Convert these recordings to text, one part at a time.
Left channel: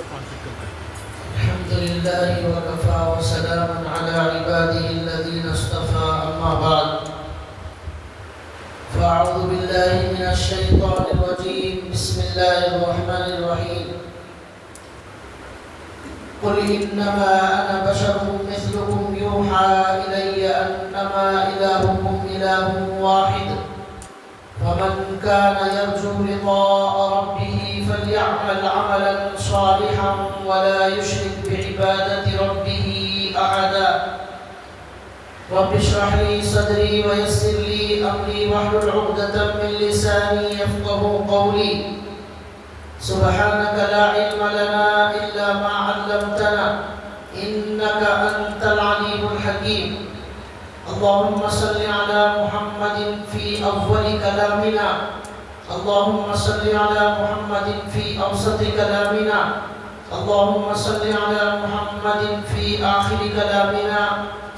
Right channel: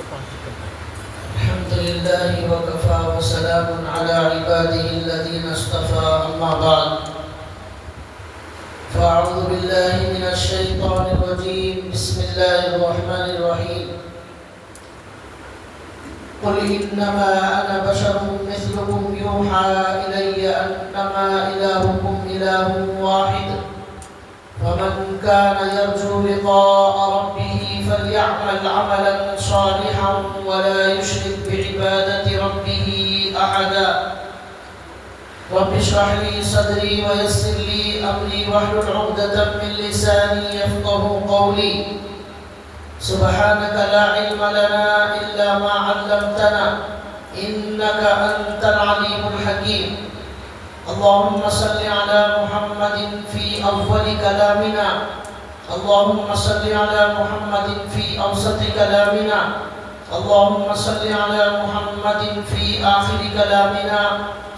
الحمد لله وكفى وسلام على عباده الذين اصطفى أما بعد فأعوذ بالله من الشيطان الرجيم بسم الله الرحمن الرحيم قل إنما أنا بشر مثلكم يوحى إلي أنما إلهكم إله واحد فمن كان يرجو لقاء ربه فليعمل عملا صالحا ولا يشرك بعبادة ربه أحدا رب اشرح لي صدري ويسر لي أمري واحلل عقدة من لساني يفقهوا قولي سبحانك لا علم لنا إلا ما علمتنا إنك أنت العليم الحكيم اللهم صل على محمد في أول كلامنا اللهم صل على محمد في أوسط كلامنا اللهم صل على محمد في آخر كلامنا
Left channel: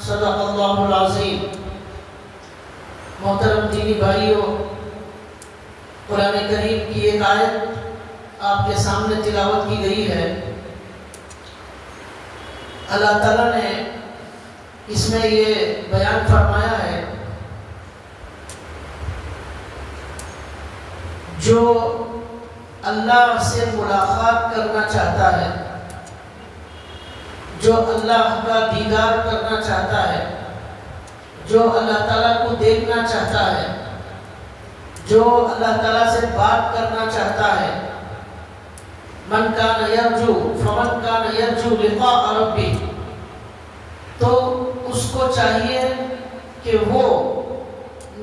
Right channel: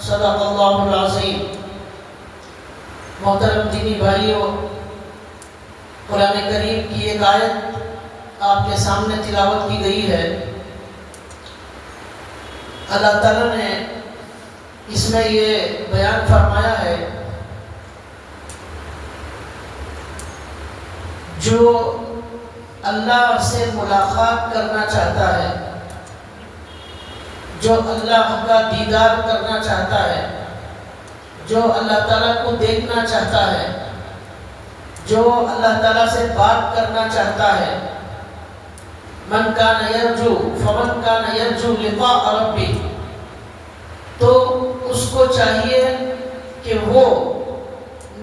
صدق اللہ العظیم. محترم دینی بھائیوں، قرآن کریم کی ایک آیت آپ کے سامنے تلاوت کی گئی ہے. اللہ تعالیٰ نے اس میں یہ بیان فرمایا ہے جو اللہ سے ملاقات کرنا چاہتا ہے، جو اللہ کا دیدار کرنا چاہتا ہے، جو اللہ تعالیٰ کو دیکھنا چاہتا ہے، جو اللہ تعالیٰ سے بات کرنا چاہتا ہے، من کان یرجو فمن کان یرجو لقاء ربی، تو اس کو چاہیے کہ وہ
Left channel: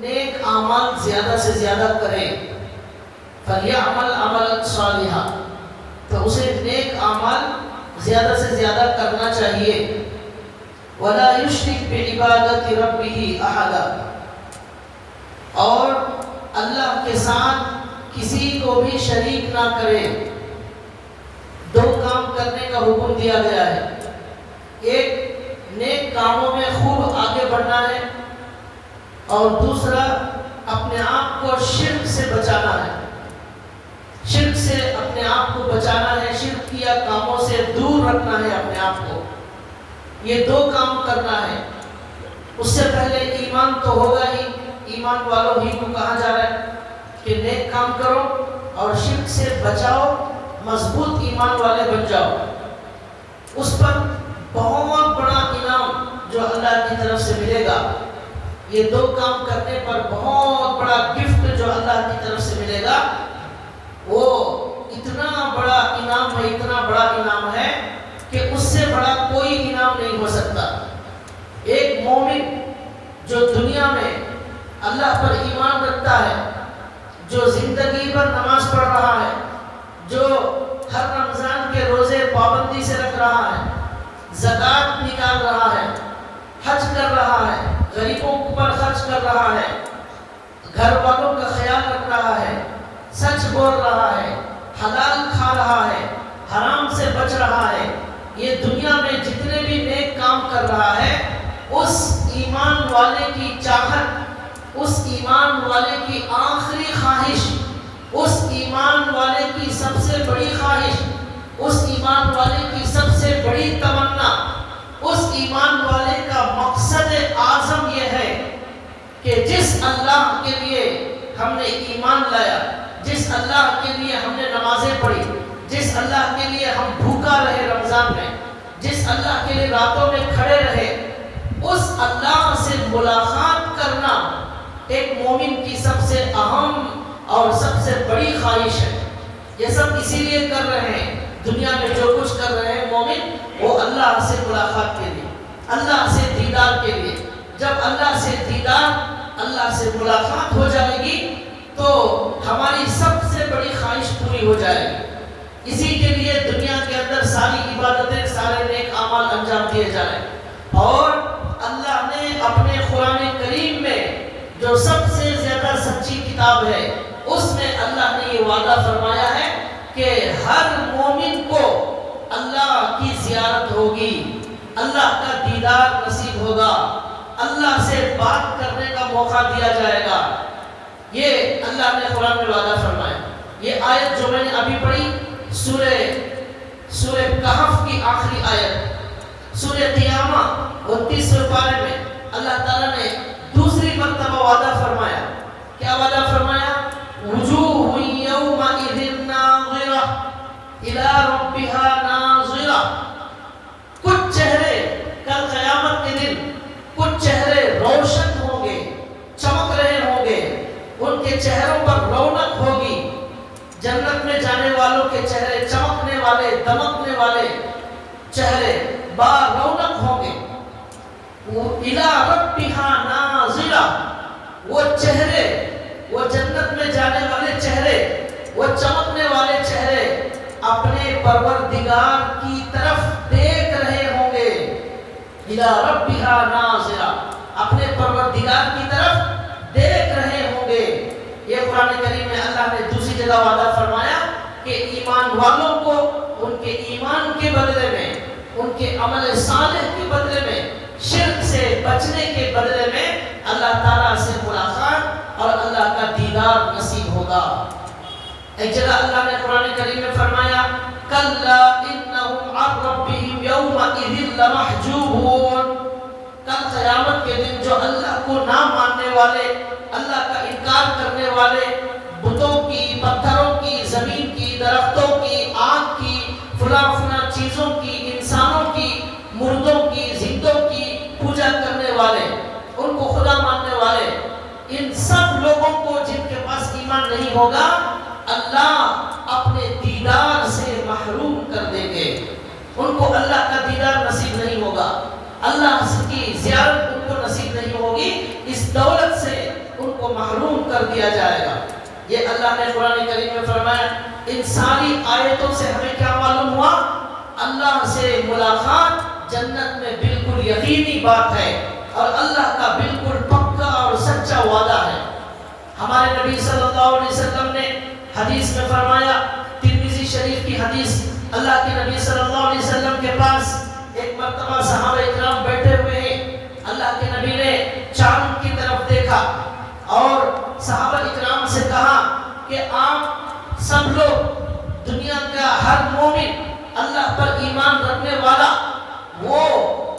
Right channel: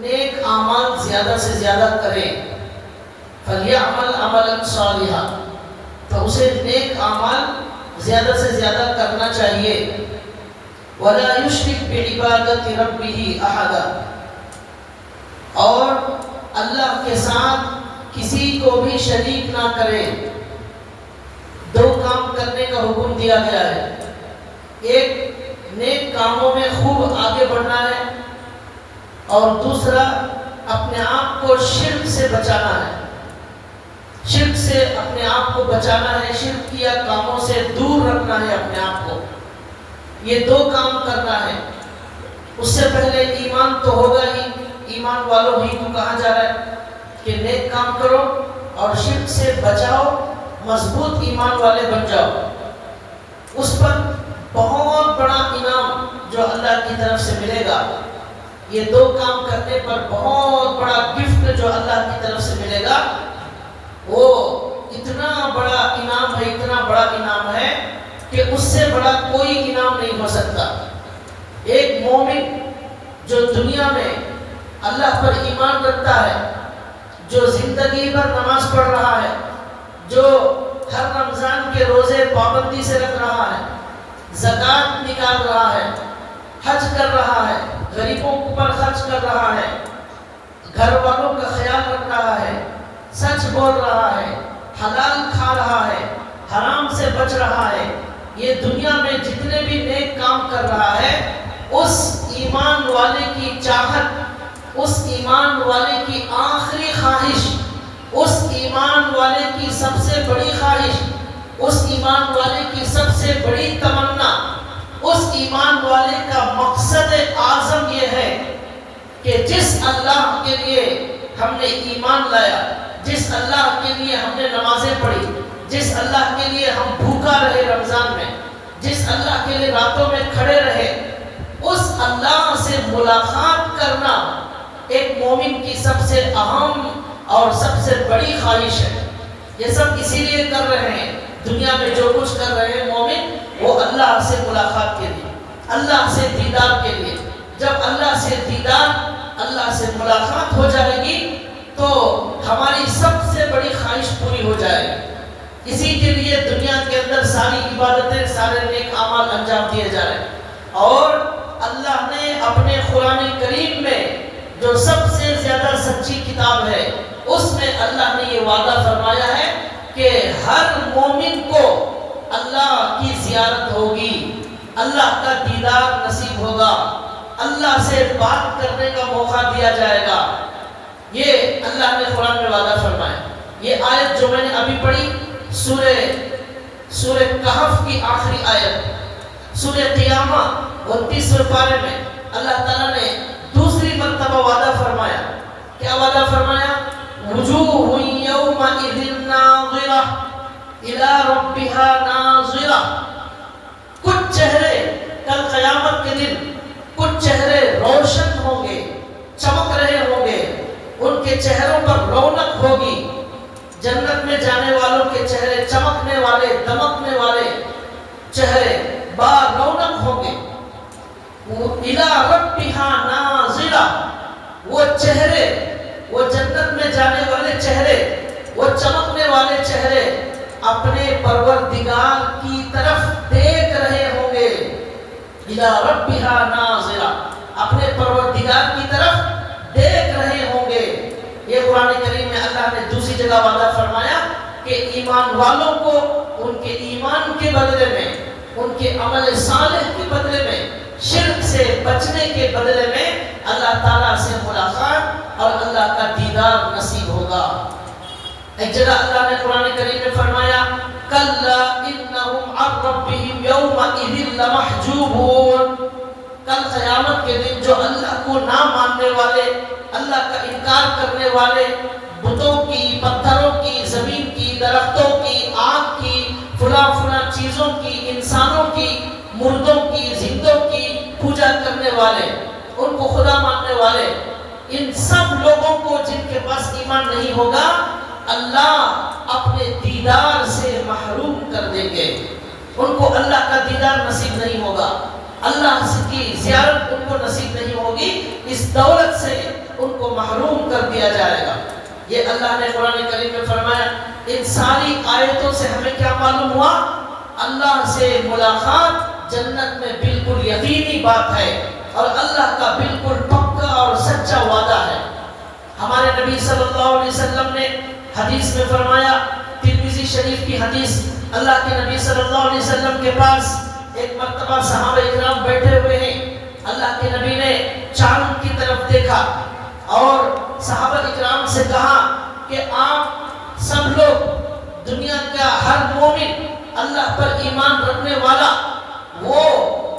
نیک اعمال زیادہ سے زیادہ کرے. فلیعمل عملا صالحا، تو اسے نیک اعمال زیادہ سے زیادہ کرنا چاہیے. ولا یشرک بعبادت ربہ احدا، اور اللہ کے ساتھ کسی کو بھی شریک نہ کرے. دو کام کرنے کا حکم دیا گیا ہے. ایک نیک کاموں میں خوب آگے بڑھنا ہے، اور دوسرا اپنے آپ کو شرک سے بچانا ہے. شرک سے اپنے آپ کو بچانا ہے، شرک کیا کاموں سے دور رکھنا ہے اپنے آپ کو. یہ دو کام کرنا ہے. اس سے پہلے ایمان تو ہوگا ہی، ایمان والوں ہی کو کہا جا رہا ہے کہ نیک کام کرو اور شرک سے بچاؤ، مضبوط ایمان والے بن جاؤ. اس پر بہت بڑا انعام جو اللہ کی طرف سے ملے گا. یہ دو کام کرنے پر بہت بڑا گفٹ جو اللہ کی طرف سے ملے گا، وہ اتنا بڑا انعام ہے، اتنا بڑا انعام ہے کہ اس سے بڑا کوئی انعام نہیں ہو سکتا. ایک مومن جو دنیا میں اللہ پر ایمان رکھتا ہے، جو زندگی بھر نماز پڑھ رہا ہے، جو ہر رمضان کے روزے پابندی سے رکھ رہا ہے، زکوٰۃ نکال رہا ہے، حج کر رہا ہے، غریبوں پر خرچ کر رہا ہے، گھر والوں کا خیال رکھ رہا ہے، سچ بول رہا ہے، حلال کھا رہا ہے، حرام سے بچ رہا ہے، یہ دنیا میں جتنے بھی نیک کام کر رہا ہے، اس ایمان والے کی چاہت، اس ایمان والے کی آخری خواہش، اس ایمان والے کی سب سے بڑی خواہش، اس ایمان والے کی سب سے بڑی تمنا، اس ایمان والے کا مقصد اعظم یہ ہے کہ جس اللہ کے لیے ہم نے ایمان لایا، جس اللہ کے لیے ہم نے نمازیں پڑھی، جس اللہ کے لیے ہم بھوکا رہے رمضان میں، جس اللہ کے لیے راتوں میں کھڑے رہے، اس اللہ سے ملاقات کرنا ایک مومن کی سب سے اہم اور سب سے بڑی خواہش ہے. یہ سب اسی لیے کر رہے ہیں، دنیا میں جو کچھ کر رہے ہیں مومن، وہ اللہ سے ملاقات کے لیے، اللہ سے دیدار کے لیے. جب اللہ سے دیدار، اللہ سے ملاقات ہو جائے گی تو ہماری سب سے بڑی خواہش پوری ہو جائے گی. اسی کے لیے دنیا کے اندر ساری عبادتیں، سارے نیک اعمال انجام دیے جا رہے ہیں. اور اللہ نے اپنے قرآن کریم میں جو سب سے زیادہ سچی کتاب ہے، اس میں اللہ نے یہ وعدہ فرمایا ہے کہ ہر مومن کو اللہ کی زیارت ہوگی، اللہ کا دیدار نصیب ہوگا، اللہ سے بات کرنے کا موقع دیا جائے گا. یہ اللہ نے قرآن میں وعدہ فرمایا. یہ آیت جو میں نے ابھی پڑھی سورہ سورہ کہف کی آخری آیت سورہ قیامہ 29ویں پارے میں اللہ تعالیٰ نے دوسری مرتبہ وعدہ فرمایا. کیا وعدہ فرمایا؟ وجوہ یومئذ ناظرہ الی ربہا ناظرہ. کچھ چہرے کل قیامت کے دن کچھ چہرے روشن ہوں گے، چمک رہے ہوں گے، ان کے چہروں پر رونق ہوگی. جنت میں جانے والوں کے چہرے چمکنے والے، دمکنے والے چہرے با رونق ہوں گے. الی ربہا ناظرہ، وہ چہرے، وہ جنت میں جانے والے چہرے، وہ چمکنے والے چہرے اپنے پروردگار کی طرف دیکھ رہے ہوں گے. الی ربہا ناظرہ، اپنے پروردگار کی طرف دیکھ رہے ہوں گے. یہ قرآن کریم میں اللہ نے دوسری جگہ وعدہ فرمایا کہ ایمان والوں کو ان کے ایمان کے بدلے میں، ان کے عمل صالح کے بدلے میں، شرک سے بچنے کے بدلے میں اللہ تعالیٰ سے ملاقات اور اللہ کا دیدار نصیب ہوگا. ایک جگہ اللہ نے قرآن کریم میں فرمایا کلا انہم عن ربہم یومئذ لمحجوبون. کل قیامت کے دن جو اللہ کو نہ ماننے والے، اللہ کا انکار کرنے والے، بتوں کی، پتھروں کی، زمین کی، درختوں کی، آگ کی، فلاں فلاں چیزوں کی، انسانوں کی، مردوں کی، زندوں کی پوجا کرنے والے، ان کو خدا ماننے والے، ان سب لوگوں کو جن کے پاس ایمان نہیں ہوگا اللہ اپنے دیدار سے محروم کر دیں گے. ان کو اللہ کا دیدار نصیب نہیں ہوگا، اللہ کی زیارت ان کو نصیب نہیں ہوگی، اس دولت سے ان کو محروم کر دیا جائے گا. یہ اللہ نے قرآن کریم میں فرمایا. ان ساری آیتوں سے ہمیں کیا معلوم ہوا؟ اللہ سے ملاقات جنت میں بالکل یقینی بات ہے اور اللہ کا بالکل پکا اور سچا وعدہ ہے. ہمارے نبی صلی اللہ علیہ وسلم نے حدیث میں فرمایا، ترمذی شریف کی حدیث، اللہ کے نبی صلی اللہ علیہ وسلم کے پاس ایک مرتبہ صحابہ اکرام بیٹھے ہوئے ہیں. اللہ کے نبی نے چاند کی طرف دیکھا اور صحابہ اکرام سے کہا کہ آپ سب لوگ، دنیا کا ہر مومن، اللہ پر ایمان رکھنے والا، وہ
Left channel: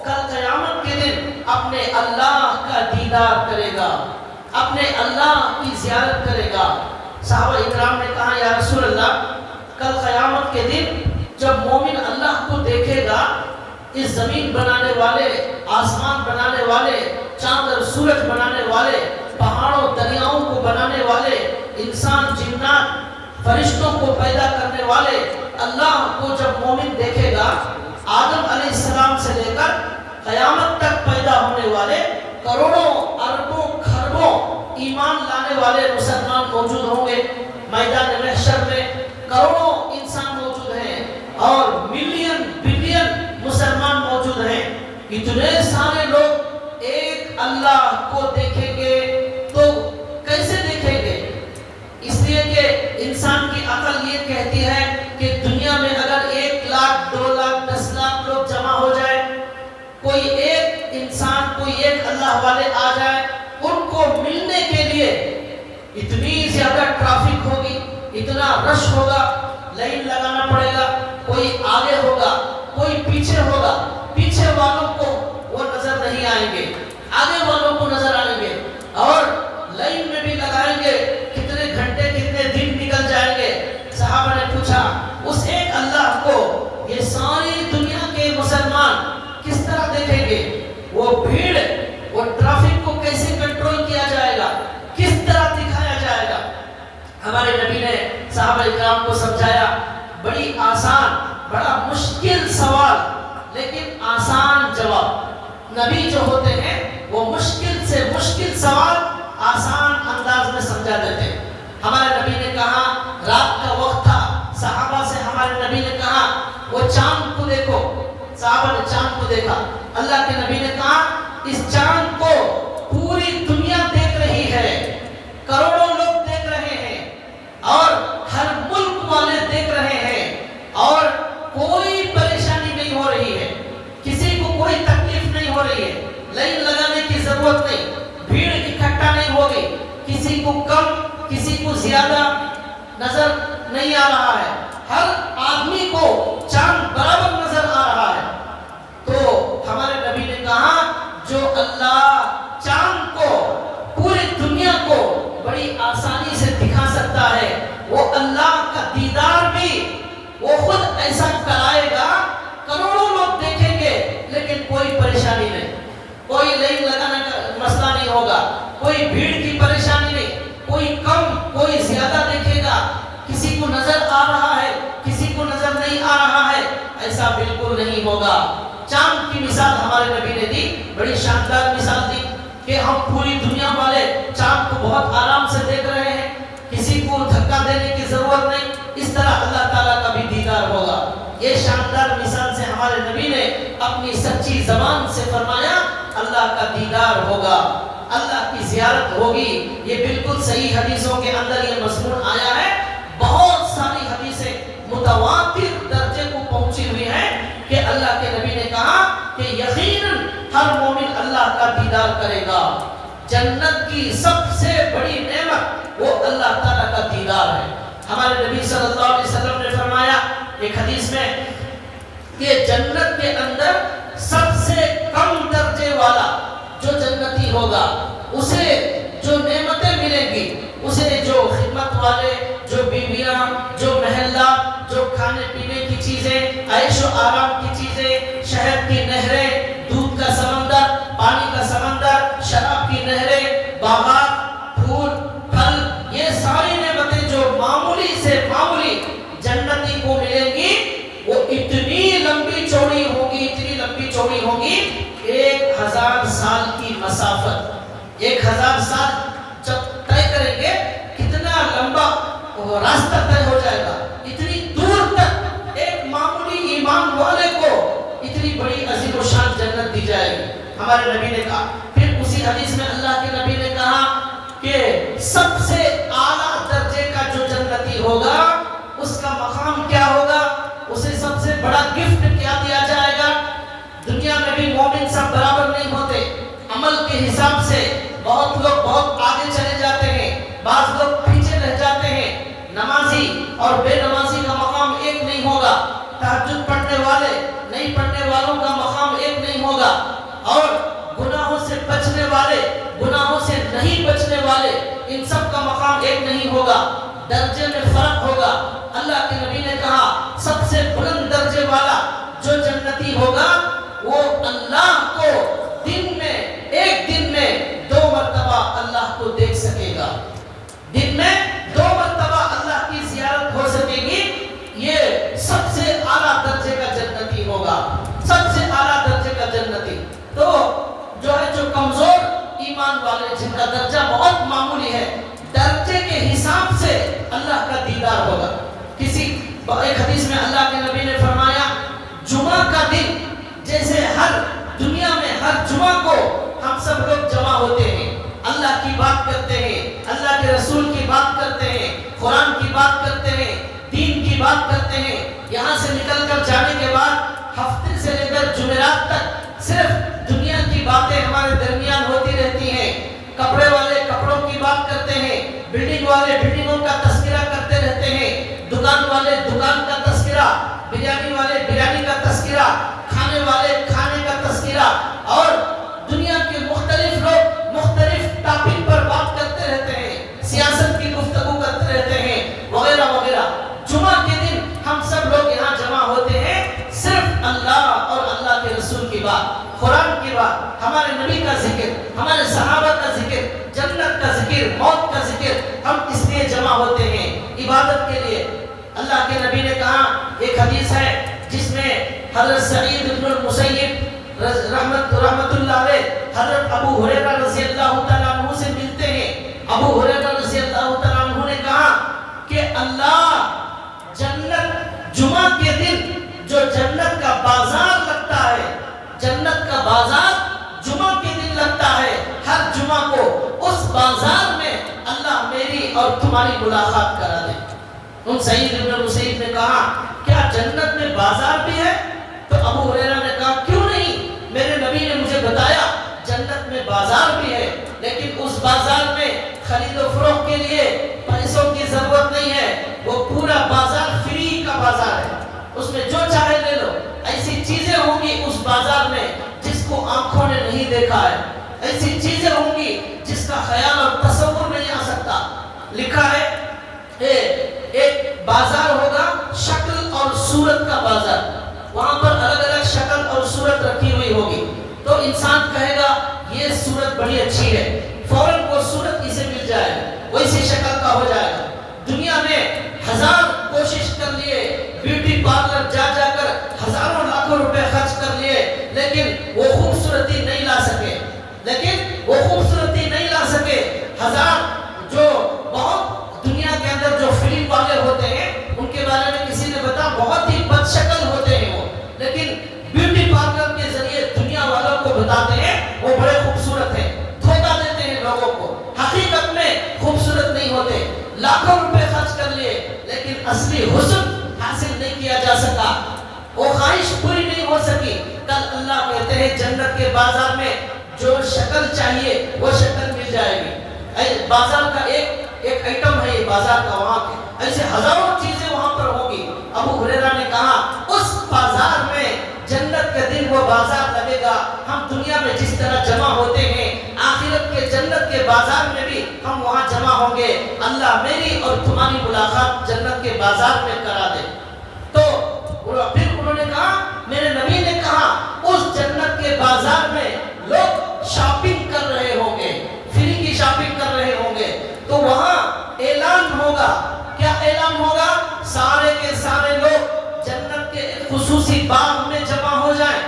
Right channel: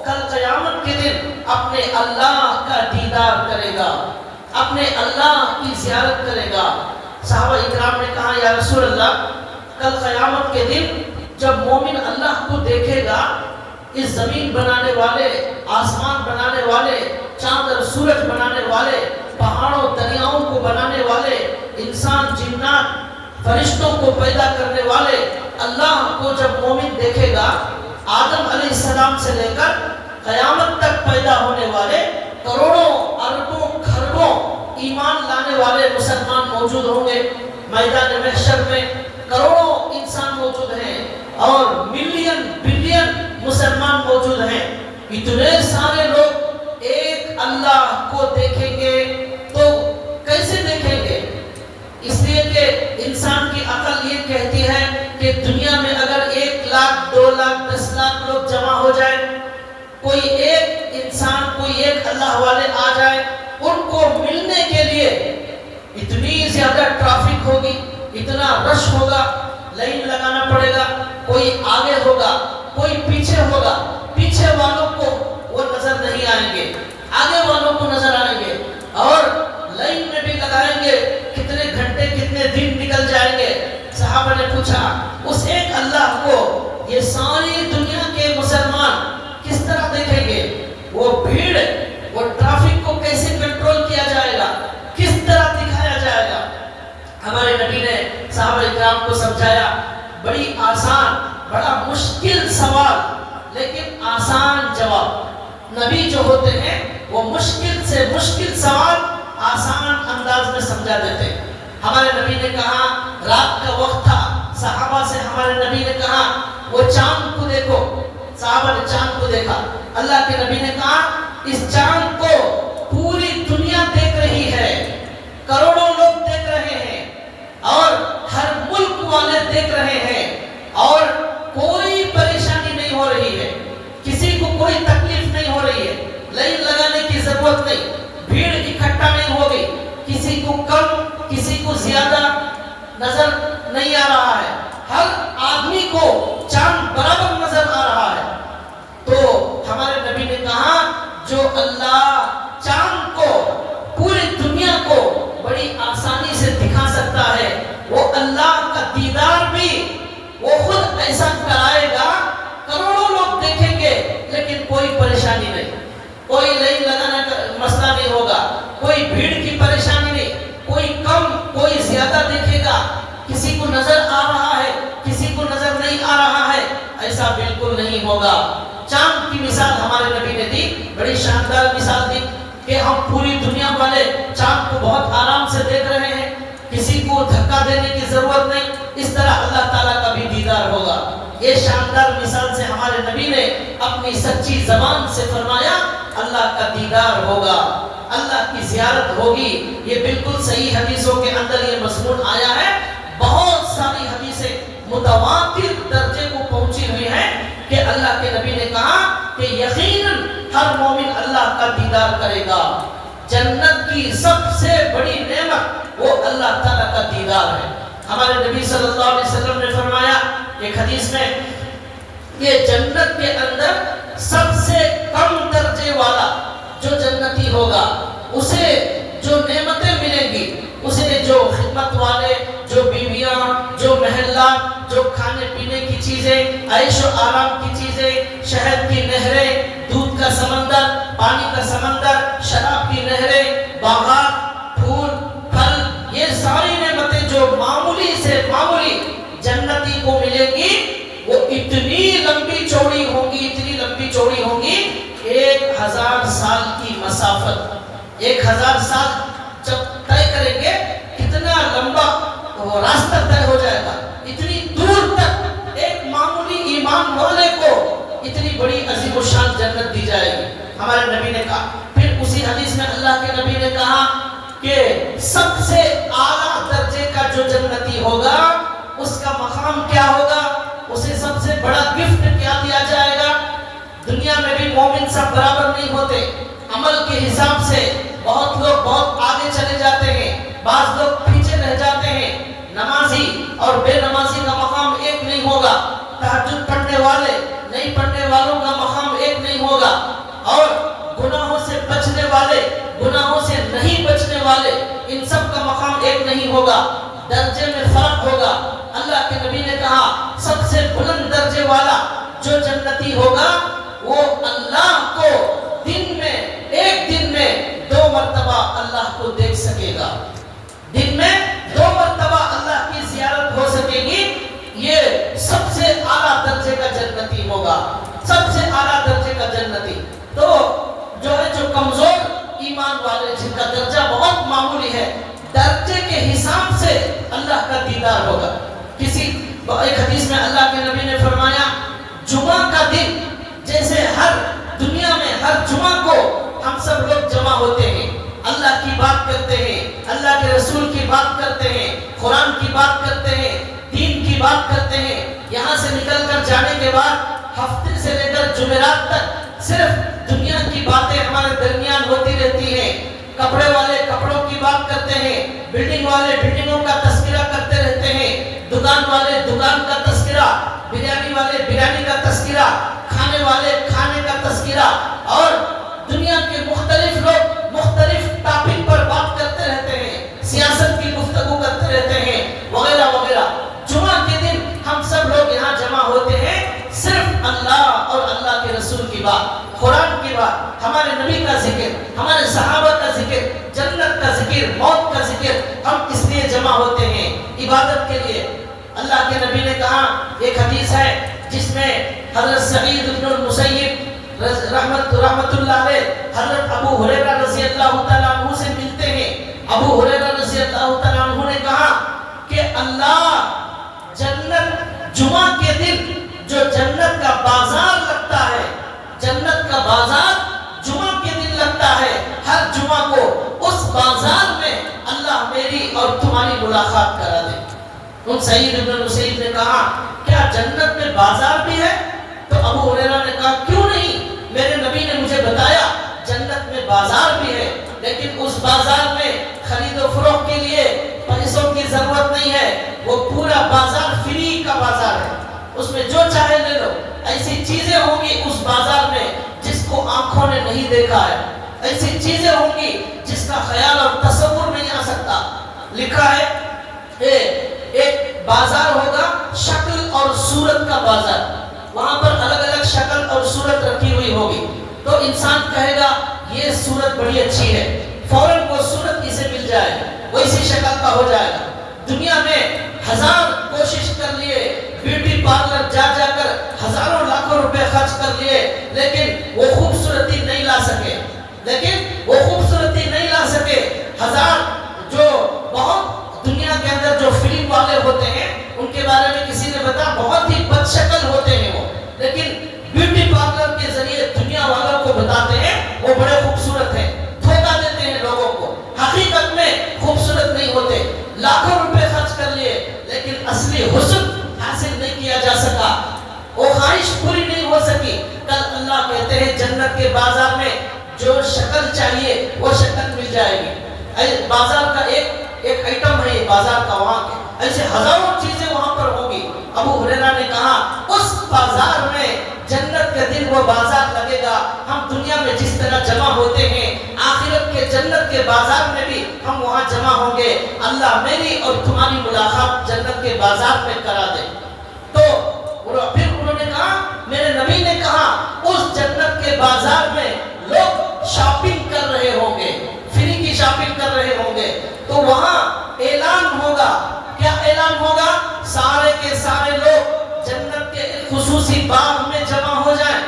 کل قیامت کے دن اپنے اللہ کا دیدار کرے گا، اپنے اللہ کی زیارت کرے گا. صحابہ اکرام نے کہا یا رسول اللہ، کل قیامت کے دن جب مومن اللہ کو دیکھے گا، اس زمین بنانے والے، آسمان بنانے والے، چاند اور سورج بنانے والے، پہاڑوں دریاؤں کو بنانے والے، انسان جنات فرشتوں کو پیدا کرنے والے اللہ کو جب مومن دیکھے گا، آدم علیہ السلام سے لے کر قیامت تک پیدا ہونے والے کروڑوں اربوں کھربوں ایمان لانے والے مسلمان موجود ہوں گے. میدان محشر میں کروڑوں انسان موجود ہیں اور ملین بلین مسلمان موجود ہیں. اتنے سارے لوگ ایک اللہ کو دیکھیں گے تو کیسے دیکھیں گے؟ اس لیے کہ انسان کی عقل یہ کہتی ہے کہ دنیا میں اگر 1 لاکھ 2 لاکھ 10 لاکھ لوگ جمع ہو جائے، کوئی ایک انسان، کوئی ایک اللہ والے آ جائے، ان کو ملنے کے لیے اتنی زیادہ ٹریفک ہوگی، اتنا رش ہوگا، لائن لگانا پڑے گا، کوئی آگے ہوگا، کوئی پیچھے ہوگا. پیچھے والوں کو وہ نظر نہیں آئیں گے، آگے والوں کو نظر آئیں گے، اور لائن میں بھی لگائیں گے، کتنے گھنٹے کتنے دن نکل جائیں گے. صحابہ نے پوچھا اس ایک اللہ کو یہ ساری دنیا کے مسلمان کس طرح دیکھیں گے؟ وہ بھیڑ، وہ ٹریفک کو کیسے کنٹرول کیا جائے گا، کس طرح دکھایا جائے گا؟ ہمارے نبی نے صحابہ اکرام کو سمجھایا. بڑی آسان، بڑا مشکل سوال لیکن آسان جواب. نبی جو ہوتے ہیں وہ مشکل سے مشکل سوال آسان انداز میں سمجھا دیتے. ہمارے نبی نے کہا، رات کا وقت تھا، صحابہ سے ہمارے نبی نے کہا وہ چاند کو دیکھو. صحابہ نے چاند کو دیکھا. اللہ کے نبی نے کہا اس چاند کو پوری دنیا دیکھ رہی ہے، کروڑوں لوگ دیکھ رہے ہیں اور ہر ملک والے دیکھ رہے ہیں اور کوئی پریشانی نہیں ہو رہی ہے، کسی کو کوئی تکلیف نہیں ہو رہی ہے، لائن لگانے کی ضرورت نہیں، بھیڑ اکٹھا نہیں ہوگی، کسی کو کم کسی کو زیادہ نظر نہیں آ رہا ہے. ہر آدمی کو چاند وہ خود ایسا کرائے گا، کروڑوں لوگ دیکھیں گے لیکن کوئی پریشانی نہیں، کوئی لائن لگانا کا مسئلہ نہیں ہوگا، کوئی بھیڑ کی پریشانی نہیں، کوئی کم کوئی زیادہ دیکھے گا، کسی کو نظر آ رہا ہے کسی کو نظر نہیں آ رہا ہے، ایسا بالکل نہیں ہوگا۔ چاند کی مثال ہمارے نبی نے دی، بڑی شاندار مثال دی کہ ہم پوری دنیا والے چاند کو بہت آرام سے دیکھ رہے ہیں، کسی کو دھکا دینے کی ضرورت نہیں، اس طرح اللہ تعالیٰ کا بھی دیدار ہوگا۔ یہ شاندار مثال سے ہمارے نبی نے اپنی سچی زبان سے فرمایا اللہ کا دیدار ہوگا، اللہ کی زیارت ہوگی۔ یہ بالکل صحیح حدیثوں کے اندر یہ مضمون آیا ہے، بہت ساری حدیثیں متواتر درجے کو پہنچی ہوئی ہیں کہ اللہ کے نبی نے کہا کہ یقیناً ہر مومن اللہ کا دیدار کرے گا۔ جنت کی سب سے بڑی نعمت وہ اللہ تعالیٰ کا دیدار ہے۔ ہمارے نبی صلی اللہ علیہ وسلم نے فرمایا ایک حدیث میں کہ جنت کے اندر سب سے کم درجے والا جو جنتی ہوگا، اسے جو نعمتیں ملیں گی، اسے جو خدمت والے، جو بیویاں، جو محلہ، جو کھانے پینے کی چیزیں، عیش و آرام کی چیزیں، شہد کی نہریں، دودھ کا سمندر، پانی کا سمندر، شراب کی نہریں، باغات، پھول، پھل، یہ ساری نعمتیں جو معمولی سے معمولی جنتی کو ملیں گی، وہ اتنی لمبی چوڑی ہوں گی، اتنی لمبی چوڑی ہوں گی، 1000 سال کی مسافت، 1000 سال جب طے کریں گے کتنا لمبا وہ راستہ طے ہو جائے گا، اتنی دور تک ایک معمولی ایمان والے کو اتنی بڑی عظیم و شان جنت دی جائے گی۔ ہمارے نبی نے کہا، پھر اسی حدیث میں اللہ کے نبی نے کہا کہ سب سے اعلیٰ درجے کا جو جنتی ہوگا اس کا مقام کیا ہوگا، اسے سب سے بڑا گفٹ کیا دیا جائے گا۔ دنیا میں بھی مومن سب برابر نہیں ہوتے، عمل کے حساب سے بہت لوگ بہت آگے چلے جاتے ہیں، بعض لوگ پیچھے رہ جاتے ہیں۔ نمازی اور بے نمازی کا مقام ایک نہیں ہوگا، تہجد پڑھنے والے نہیں پڑھنے والوں کا مقام ایک نہیں ہوگا، اور گناہوں سے بچنے والے گناہوں سے نہیں بچنے والے ان سب کا مقام ایک نہیں ہوگا، درجے میں فرق ہوگا۔ اللہ کے نبی نے کہا سب سے بلند درجے والا جو جنتی ہوگا وہ اللہ کو دن میں ایک دن میں 2 مرتبہ اللہ کو دیکھ سکے گا، دن میں 2 مرتبہ اللہ کی زیارت ہو سکے گی۔ یہ سب سے اعلیٰ درجے کا جنتی ہوگا، سب سے اعلیٰ درجے کا جنتی۔ تو جو ہے جو کمزور ایمان والے جن کا درجہ بہت معمولی ہے، درجے کے حساب سے اللہ کا دیدار ہوگا۔ ایک حدیث میں اللہ کے نبی نے فرمایا جمعہ کا دن جیسے ہر دنیا میں ہر جمعہ کو ہم سب لوگ جمع ہوتے ہیں، اللہ کی بات کرتے ہیں، اللہ کے رسول کی بات کرتے ہیں، قرآن کی بات کرتے ہیں، دین کی بات کرتے ہیں، یہاں سے نکل کر جانے کے بعد ہفتے سے لے کر جمعرات تک صرف دنیا کی باتیں ہمارے درمیان ہوتی رہتی ہیں۔ کپڑے والے کپڑوں کی بات کرتے ہیں، بلڈنگ والے بلڈنگوں کا تذکرہ کرتے رہتے ہیں، دکان والے دکان کا تذکرہ، بریانی والے بریانی کا تذکرہ، کھانے والے کھانے کا تذکرہ، اور دنیا کے مختلف لوگ مختلف ٹاپک پر بات کرتے رہتے ہیں، سیاست کی گفتگو کرتے رہتے ہیں، وغیرہ وغیرہ۔ جمعہ کے دن ہم سب لوگ یہاں جمع ہوتے ہیں صرف اللہ اور اللہ کے رسول کی بات، قرآن کی بات، ہمارے نبی کا ذکر، ہمارے صحابہ کا ذکر، جنت کا ذکر، موت کا ذکر، ہم اس لیے جمع ہوتے ہیں عبادت کے لیے۔ اللہ کے نبی نے کہا، ایک حدیث ہے جس میں حضرت سعید بن المسیب رحمت اللہ علیہ حضرت ابو ہریرہ رضی اللہ تعالیٰ عنہ سے ملتے ہیں۔ ابو ہریرہ رضی اللہ تعالیٰ عنہ نے کہا کہ اللہ جنت جمعہ کے دن جو جنت کا بازار لگتا ہے، جنت کا بازار جمعہ کے دن لگتا ہے، ہر جمعہ کو اس بازار میں اللہ میری اور تمہاری ملاقات کرا دے۔ ان سعید بن المسیب نے کہا کیا جنت میں بازار بھی ہے؟ تو ابو ہریرہ نے کہا کیوں نہیں، میرے نبی نے مجھے بتایا جنت میں بازار بھی ہے، لیکن اس بازار میں خرید و فروخت کے لیے پیسوں کی ضرورت نہیں ہے، وہ پورا بازار فری کا بازار ہے، اس میں جو چاہے لے لو۔ ایسی چیزیں ہوں گی اس بازار میں جس کو آنکھوں نے نہیں دیکھا ہے، ایسی چیزیں ہوں گی جس کا خیال اور تصور نہیں آ سکتا۔ لکھا ہے ایک بازار ہوگا شکل اور صورت کا بازار، وہاں پر الگ الگ شکل اور صورت رکھی ہوئی ہوگی، تو انسان کہے گا یہ صورت بڑی اچھی ہے، فوراً وہ صورت اسے مل جائے، وہ اسی شکل کا ہو جائے گا۔ دنیا میں ہزار کوشش کر لیے، بیوٹی پارلر جا جا کر ہزاروں لاکھوں روپے خرچ کر لیے، لیکن وہ خوبصورتی نہیں لا سکے، ہزار جو بہت دنیا کے اندر جو فلم والے ہوتے ہیں ان کے بارے میں کسی نے بتا بہت ہی بد شکل ہوتے ہیں وہ، لیکن بیوٹی پارلر کے ذریعے دنیا والوں کو بتاتے ہیں وہ بڑے خوبصورت ہیں، دھوکہ دیتے ہیں لوگوں کو، حقیقت میں خوبصورت نہیں ہوتے، لاکھوں روپے خرچ کر لیے لیکن اصلی حسن حاصل نہیں کیا جا سکا، وہ خواہش پوری نہیں ہو سکی۔ کل اللہ کہتے ہیں جنت کے بازار میں جو شکل چاہیے وہ شکل مل جائے گی۔ بازار کا ایک آئٹم ہے یہ بازار کا، وہاں کے ایسے ہزاروں چیزیں وہاں پر ہوگی۔ ابو ہریرہ نے کہا اس بازار میں جنت کے دن وہ بازار لگے گا، ہم دنیا میں جس طرح جمع ہوتے ہیں آخرت کے جنت کے بازار میں بھی ہم وہاں جمع ہوں گے، اللہ میری اور تمہاری ملاقات جنت کے بازار میں کرا دے۔ تو پھر انہوں نے کہا، میرے نبی نے کہا اس جنت کے بازار میں لوگ شاپنگ کر رہے ہوں گے، فری کی شاپنگ کر رہے ہوں گے، تو وہاں اعلان ہوگا، کیا اعلان ہوگا؟ سارے کے سارے لوگ جنت کے خصوصی باغ میں جمع ہو جائیں،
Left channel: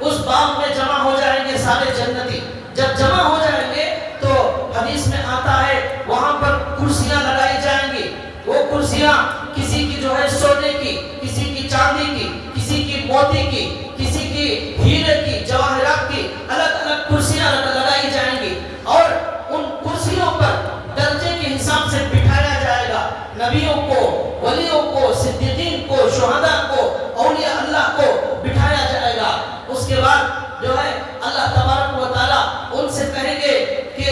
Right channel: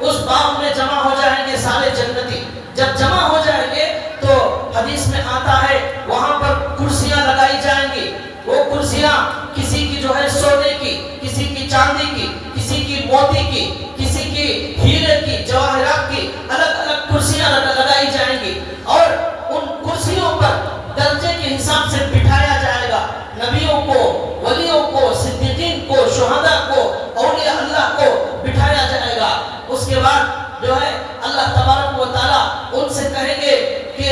اس باغ میں جمع ہو جائیں گے سارے جنتی۔ جب جمع ہو جائیں گے تو حدیث میں آتا ہے وہاں پر کرسیاں لگائی جائیں گی، وہ کرسیاں کسی کی جو ہے سونے کی، کسی کی چاندی کی، کسی کی موتی کی، کسی کی ہیرے کی، جواہرات کی، الگ الگ کرسیاں لگائی جائیں گی، اور ان کرسیوں پر درجے کے حساب سے بٹھایا جائے گا، نبیوں کو، ولیوں کو، صدیقین کو، شہداء کو، اولیاء اللہ کو بٹھایا جائے گا۔ اس کے بعد جو ہے اللہ تبارک و تعالیٰ ان سے کہیں گے کہ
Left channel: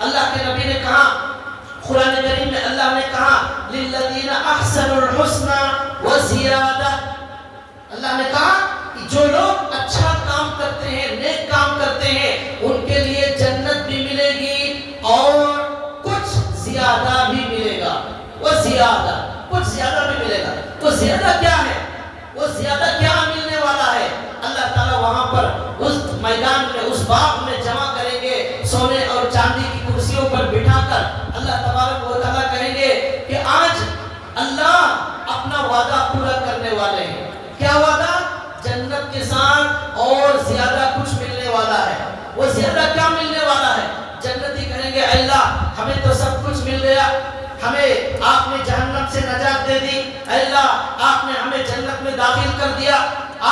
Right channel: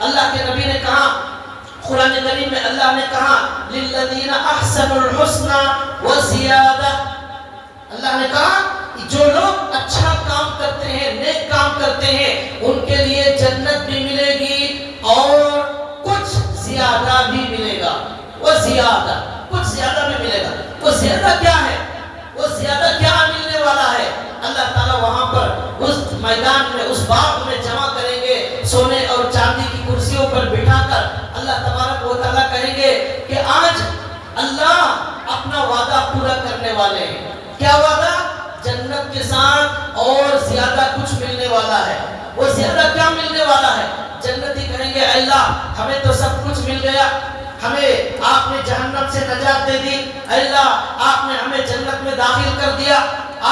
اللہ کے نبی نے کہا، قرآن کریم میں اللہ نے کہا للذین احسنوا الحسنى وزیادہ، اللہ نے کہا جو لوگ اچھا کام کرتے ہیں، نیک کام کرتے ہیں، ان کے لیے جنت بھی ملے گی اور کچھ زیادہ بھی ملے گا، وہ زیادہ کچھ زیادہ بھی ملے گا۔ وہ زیادہ کیا ہے؟ وہ زیادہ کیا ملنے والا ہے؟ اللہ تعالیٰ وہاں پر اس میدان میں، اس باغ میں جمع کریں گے، سونے اور چاندی کی کرسیوں پر بٹھا کر اللہ تبارک و تعالیٰ کہیں گے کہ آج اللہ اپنا وعدہ پورا کرنے والے ہیں۔ کیا وعدہ؟ جنت کے ساتھ اور زیادہ کچھ ملنے والا ہے۔ وہ زیادہ کیا ملنے والا ہے؟ جنتی کہیں گے اے اللہ ہمیں تو سب کچھ مل گیا، ہمیں آپ نے جہنم سے نجات دے دی، اے اللہ آپ نے ہمیں جنت میں داخل کر دیا،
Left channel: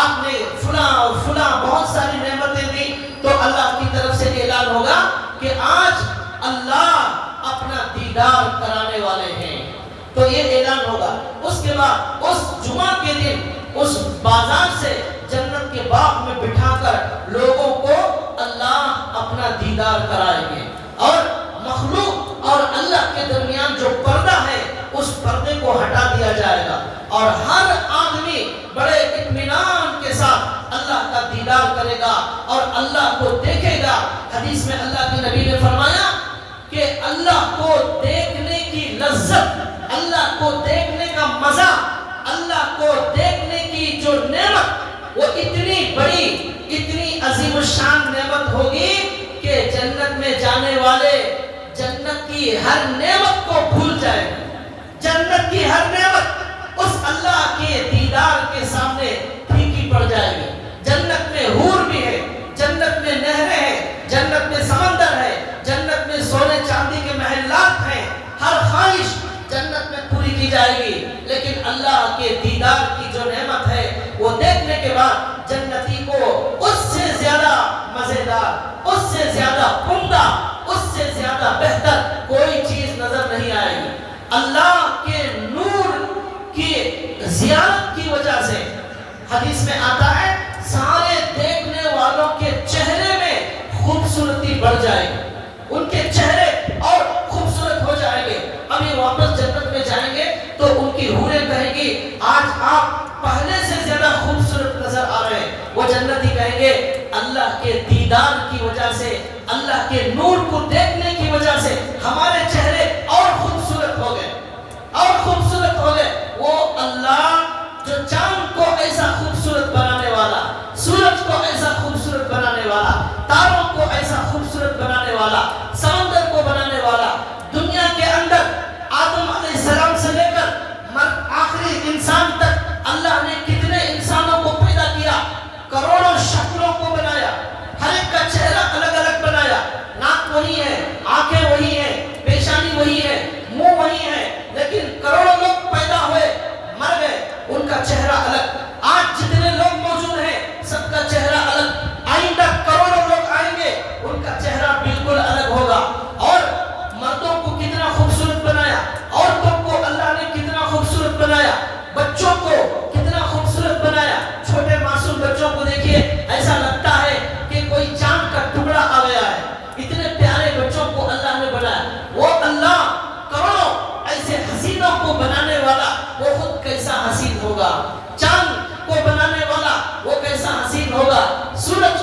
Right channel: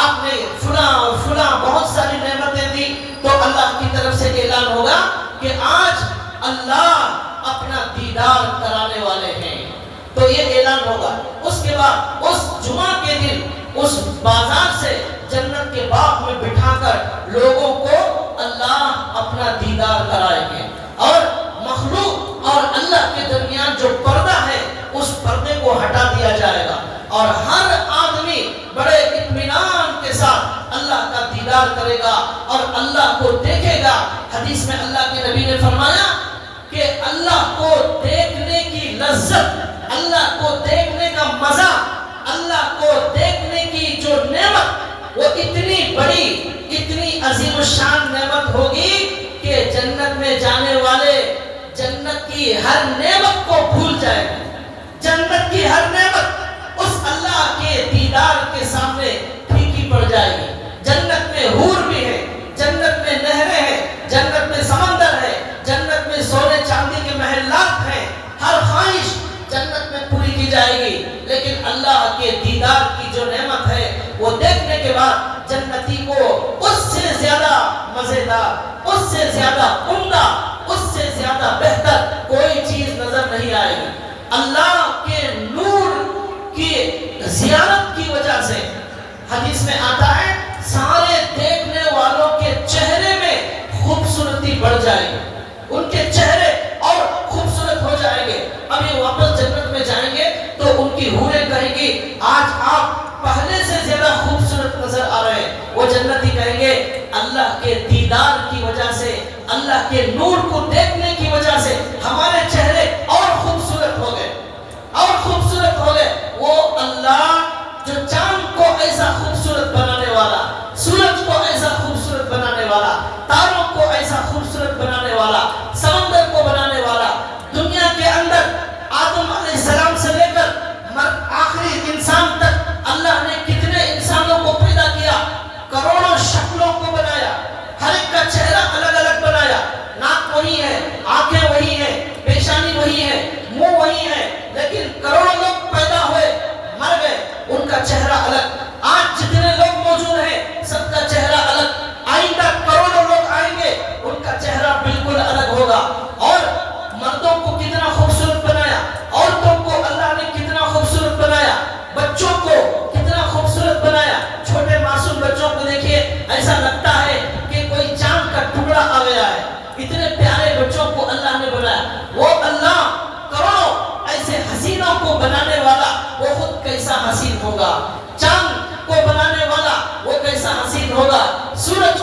آپ نے فلاں اور فلاں بہت ساری نعمتیں دی، تو اللہ کی طرف سے اعلان ہوگا کہ آج اللہ اپنا دیدار کرانے والے ہیں، تو یہ اعلان ہوگا۔ اس کے بعد اس جمعہ کے دن اس بازار سے جنت کے باغ میں بٹھا کر لوگوں کو اللہ اپنا دیدار کرائیں گے، اور مخلوق اور اللہ کے درمیان جو پردہ ہے اس پردے کو ہٹا دیا جائے گا، اور ہر آدمی بڑے اطمینان کے ساتھ اللہ کا دیدار کرے گا اور اللہ کو دیکھے گا۔ حدیث میں اللہ کے نبی نے فرمایا کہ اللہ کو دیکھنے کی لذت، اللہ کو دیکھنے کا مزہ، اللہ کو دیکھنے کی جو نعمت، وہ اتنی بڑی، اتنی عظیم الشان نعمت ہوگی کہ جنت میں جانے والے جنت کی ہر نعمت کو بھول جائے گا۔ جنت کی ہر نعمت اس اللہ کے دیدار کے سامنے پھیکی پڑ جائے گی۔ جنت میں حور بھی ہے، جنت میں نہریں ہیں، جنت میں سمندر ہے، جنت میں سونے چاندی کے محلات ہیں، ہر خواہش جنت میں پوری کی جائے گی، لیکن اللہ کے دیدار کی جو نعمت ہے وہ دیکھنے کے بعد جنتی کو اس سے زیادہ مزیدار، اس سے زیادہ عمدہ، اس سے زیادہ بہتر کوئی چیز نظر نہیں آئے گی۔ اللہ کے نور کی زیارت کی وجہ سے حدیث میں آتا ہے سارے دیکھنے والوں کے چہرے میں خوبصورتی بڑھ جائے گی، ان کے چہرے اور خوبصورت ہو جائیں گے۔ ابھی واپس جنت میں جائیں گے تو ان کی حوریں کہیں گی آج آپ پہلے سے زیادہ خوبصورت نظر آ رہے ہیں۔ وہ جنتی کہیں گے اللہ کے دیدار کی وجہ سے، اللہ کے نور کو دیکھنے کی وجہ سے ہمارے چہرے اور خوبصورت ہو گئے، اور خوبصورت ہو گئے۔ وہ اللہ جو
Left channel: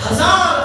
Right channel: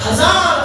1000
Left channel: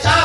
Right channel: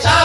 4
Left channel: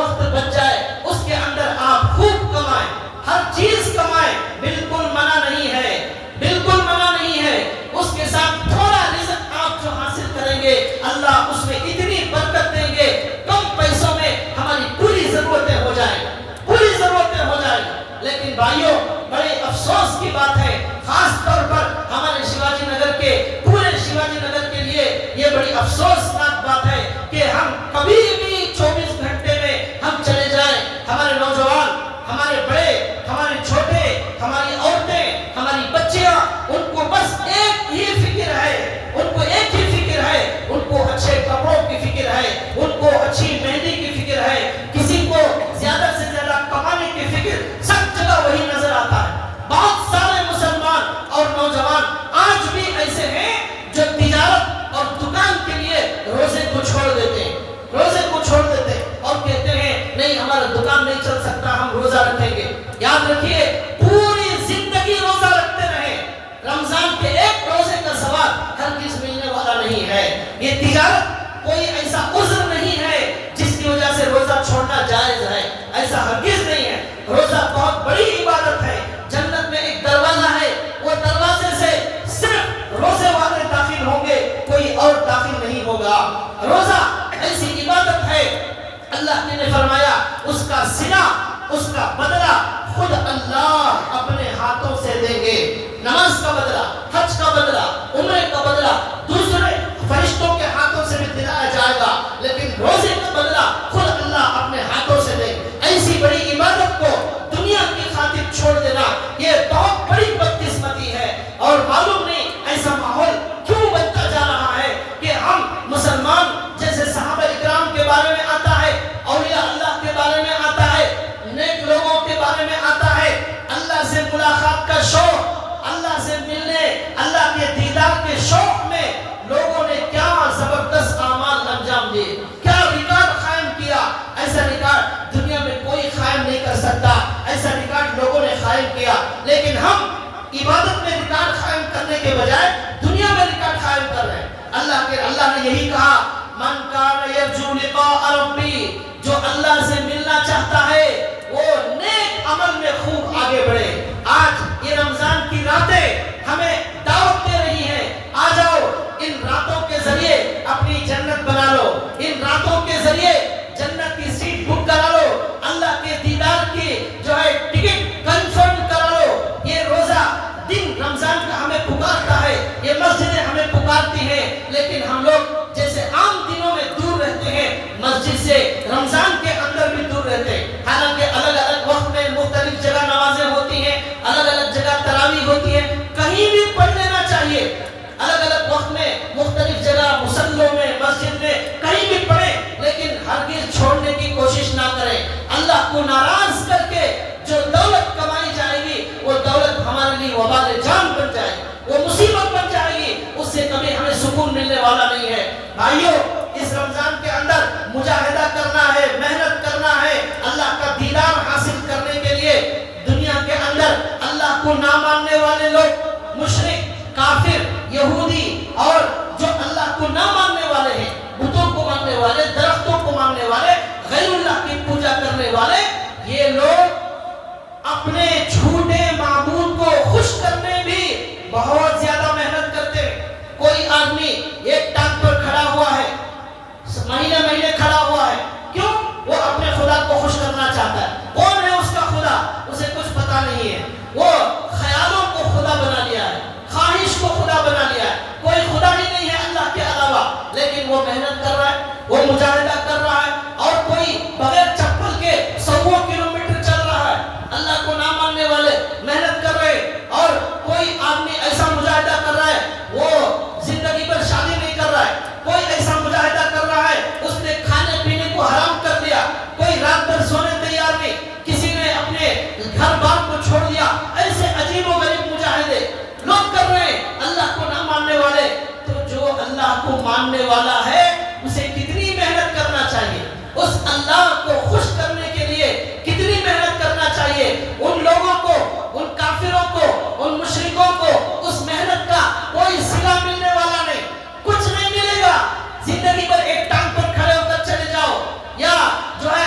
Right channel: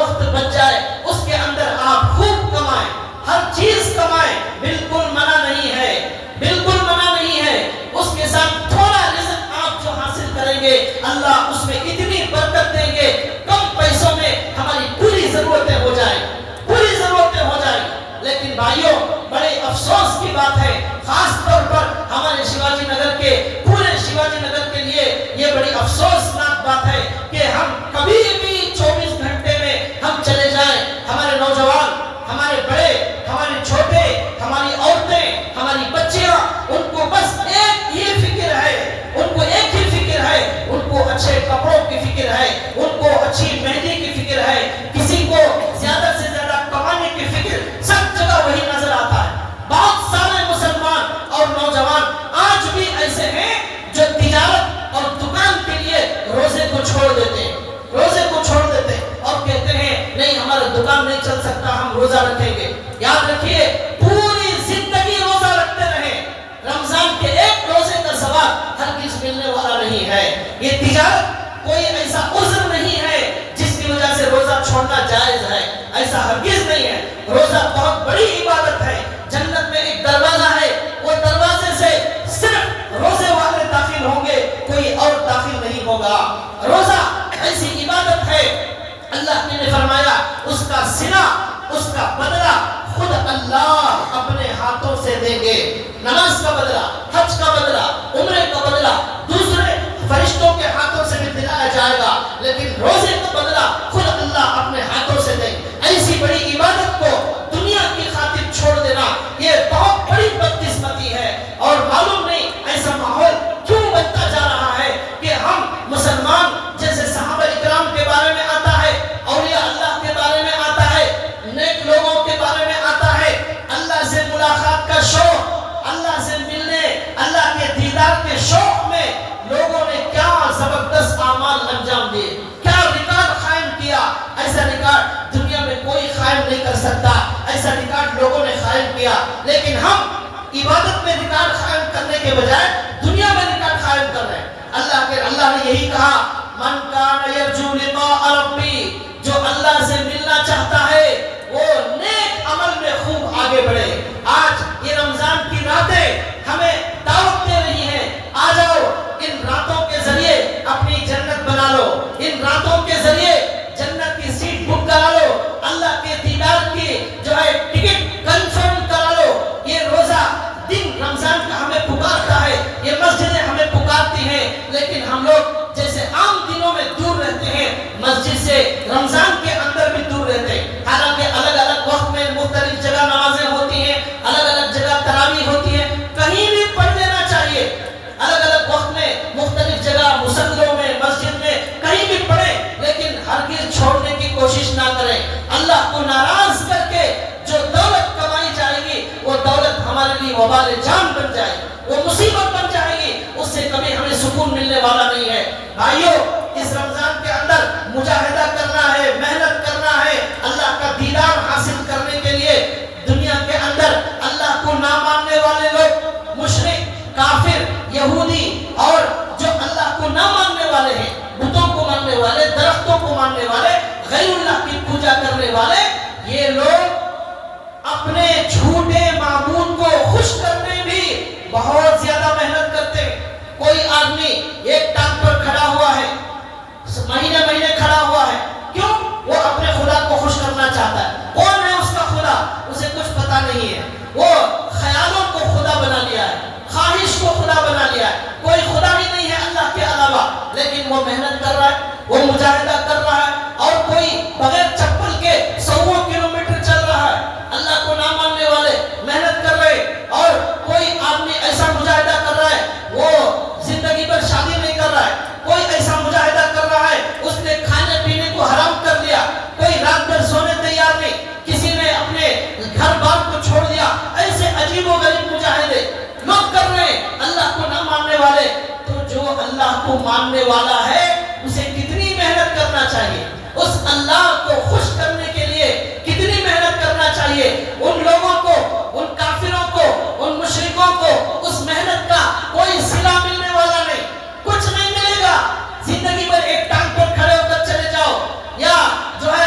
وقت بچ جائے اس کے اندر آپ خوب کمائیں، ہر چیز کمائیں، بالکل منع نہیں ہے، بالکل منع نہیں ہے۔ اس کے ساتھ تھوڑا رزق آپ جو حاصل کریں گے اللہ اس میں اتنی برکت دیں گے، کم پیسوں میں ہماری پوری ضرورتیں ہو جائیں، پوری ضرورتیں ہو جائیں۔ لیکن بھائیوں بڑے افسوس کی بات ہے، خاص طور پر ہمارے شیواجی نگر کے پورے شیواجی نگر کے لیے یہ بڑی افسوسناک بات ہے کہ ہم کبھی بھی 24 گھنٹے میں ہم چلے جائیں، ہمارے نوجوان، ہمارے بڑے، ہمارے چھوٹے، ہماری عورتیں، ہماری بچیاں، ان کو بس ایک ہی فکر ہے، ان کو ایک ہی فکر ہے، ان کو اچھے کپڑوں کی فکر ہے، ان کو اچھی مہندی کی فکر ہے، کسی کو زیادہ سے زیادہ کمانے کی فکر، سب جگہ وہی نظر آتا ہے۔ بہت سارے مسلمان اور نوجوان آج بھی ایسے ہیں جو تجارت اور دکان کے لیے روزے کو چھوڑ دیتے ہیں، روزے کو چھوڑ دیتے ہیں اور کہتے ہیں نہیں ہمارا دکان نہیں چل سکتا، ہم روزہ رکھیں گے۔ یاد رکھیے پوری زندگی روزہ رکھتے رہیں، رمضان کے ایک روزے کا ثواب ہرگز ملنے والا نہیں ہے۔ یہ تجارت کوئی ایسا عذر نہیں ہے جس کی وجہ سے روزہ چھوڑنا جائز ہے، ایسا ہرگز نہیں ہے۔ روزہ بہت بڑی عبادت ہے، جنت میں ایک دروازہ ہے، وہ دروازے سے صرف روزے والے داخل ہوں گے، کوئی اور داخل نہیں ہوگا۔ روزہ ایسی عبادت ہے اللہ نے فرمایا اس کا صلہ، اس کا بدلہ خود اللہ اپنے ہاتھوں سے دیں گے۔ نماز کا بدلہ، حج کا بدلہ، عمرے کا بدلہ دوسرے فرشتوں کے ہاتھوں سے بھی دلایا جائے گا، لیکن روزے کا بدلہ خود اللہ اپنے ہاتھوں سے دیں گے۔ ایسی بڑی عبادت کو دنیا کی خاطر چھوڑ دینا یہ بہت بڑی بدقسمتی ہے، اور معلوم نہیں ایسا ماحول کیوں بنتا جا رہا ہے کہ ہم مسلمان جیسے صحابہ اکرام کے بارے میں آتا ہے، اولیاء اللہ کے بارے میں آتا ہے، نیک لوگوں کے بارے میں آتا ہے، اللہ سے ملاقات کا شوق، اللہ سے ملنے، اللہ کے دیدار کے شوق میں لوگوں نے کیا زبردست اعمال انجام دیے، کیا ریکارڈ قائم کیا۔ ایسا ریکارڈ دنیا میں کوئی قائم نہیں کر سکتا، ایسا ریکارڈ لوگوں نے قائم کیا، لیکن ہم عبادت میں ریکارڈ قائم کرنے کے بجائے دنیا میں ریکارڈ قائم کر رہے ہیں۔ اللہ نے یہی کہا من کان یرجو لقاء ربی، جو اللہ سے ملنا چاہتا ہے وہ نیک عمل میں خوب آگے بڑھے۔ آج یہ رمضان کی راتیں ہمیں دعوت دے رہی ہیں، آ جاؤ ان راتوں کے ذریعے اپنی جنت بنا لو، ان راتوں کے ذریعے جنت کی سیٹ بک کرا لو، اللہ کے دیدار کی جو ہے ٹکٹ کنفرم کرا لو۔ یہ روزہ دن رمضان کا ہمیں پکارتا ہے، یہ مسجدیں ہمیں پکارتی ہیں، لیکن ہم لوگ جیسے عام دنوں میں دور رہتے ہیں مسجد سے، رمضان کے اندر بھی دور رہتے ہیں۔ حالانکہ الگ الگ وقت میں مختلف جگہ نمازیں ہوتی ہیں، الگ الگ جگہ تراویح ہوتی ہے، کہیں بھی پڑھ لینا چاہیے، الگ الگ وقت میں مختلف جگہ مصلوں میں مسجد میں کہیں بھی پڑھیں، لیکن ہرگز چھوڑنے کی کوشش نہ کریں۔ اللہ کو ناراض کر کے جو دولت کمائی جائے گی وہ دولت ہمارے لیے وبال جان بن جائے گی، وہ مصیبت بن جائے گی، اس سے کبھی ہمیں سکون ملنے والا نہیں ہے۔ بھائیوں اس رمضان کے اندر مجاہدہ کرنا ہے، محنت کرنا ہے، اللہ کا دیدار حاصل کرنے کے لیے۔ دنیا کے اندر اللہ کو نہ ماننے والے لوگ، مشرک، کافر، یہودی اور جو اللہ کو نہ ماننے والے ہیں، بتوں کو ماننے والے، درختوں کو ماننے والے، غیر اللہ کی پوجا کرنے والے، یہ لوگ اپنے جھوٹے معبود کو خوش کرنے بھی بہت زیادہ محنت کرتے ہیں۔ کوئی آدمی ایک ٹانگ پر کھڑا ہوا ہے، مہینے مہینے کھڑا ہوا ہے، کیوں؟ وہ اپنے خدا کو خوش کرنا چاہتا ہے۔ کون ہے اس کا خدا؟ اسے کچھ پتا نہیں ہے، وہ خیالوں کو خدا بنا لیا ہے، خواہش کو خدا بنا لیا ہے، کوئی خدا ہی نہیں ہے اللہ کے علاوہ، لیکن وہ محنت کر رہا ہے، وہ مجاہدہ کر رہا ہے، اور کوئی بغیر چپل کے 100 کلومیٹر چل رہا ہے۔ اللہ کو نہ ماننے والے محنت کر رہے، اور کوئی آدمی ایسا مجاہدہ کر رہا ہے وہ زندگی پر شادی نہیں کر رہا ہے، کوئی ایسا مجاہدہ کر رہا ہے اس نے کھانے پینے کو حرام کر دیا، کوئی رات بھر سونے تیار نہیں، کسی نے اپنے گھر بار کو چھوڑ دیا۔ ایسے عجیب و غریب مجاہدے لوگ کر رہے ہیں اللہ کو نہ ماننے والے۔ تو جو اللہ کو ماننے والا ہے اسے کتنی محنت کرنا چاہیے، اس اللہ کو خوش کرنے کے لیے کتنی محنت کرنا چاہیے۔ ان لوگوں کو، ان کافروں کو، ان مشرکوں کو اس محنت کا کوئی صلہ ملنے والا نہیں، کچھ نہیں ملے گا۔ زندگی بھر ایک ٹانگ پر کھڑے ہو کر چلے جاؤ، یا جو ہے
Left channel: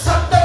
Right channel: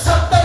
70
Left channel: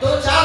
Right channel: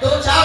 2-4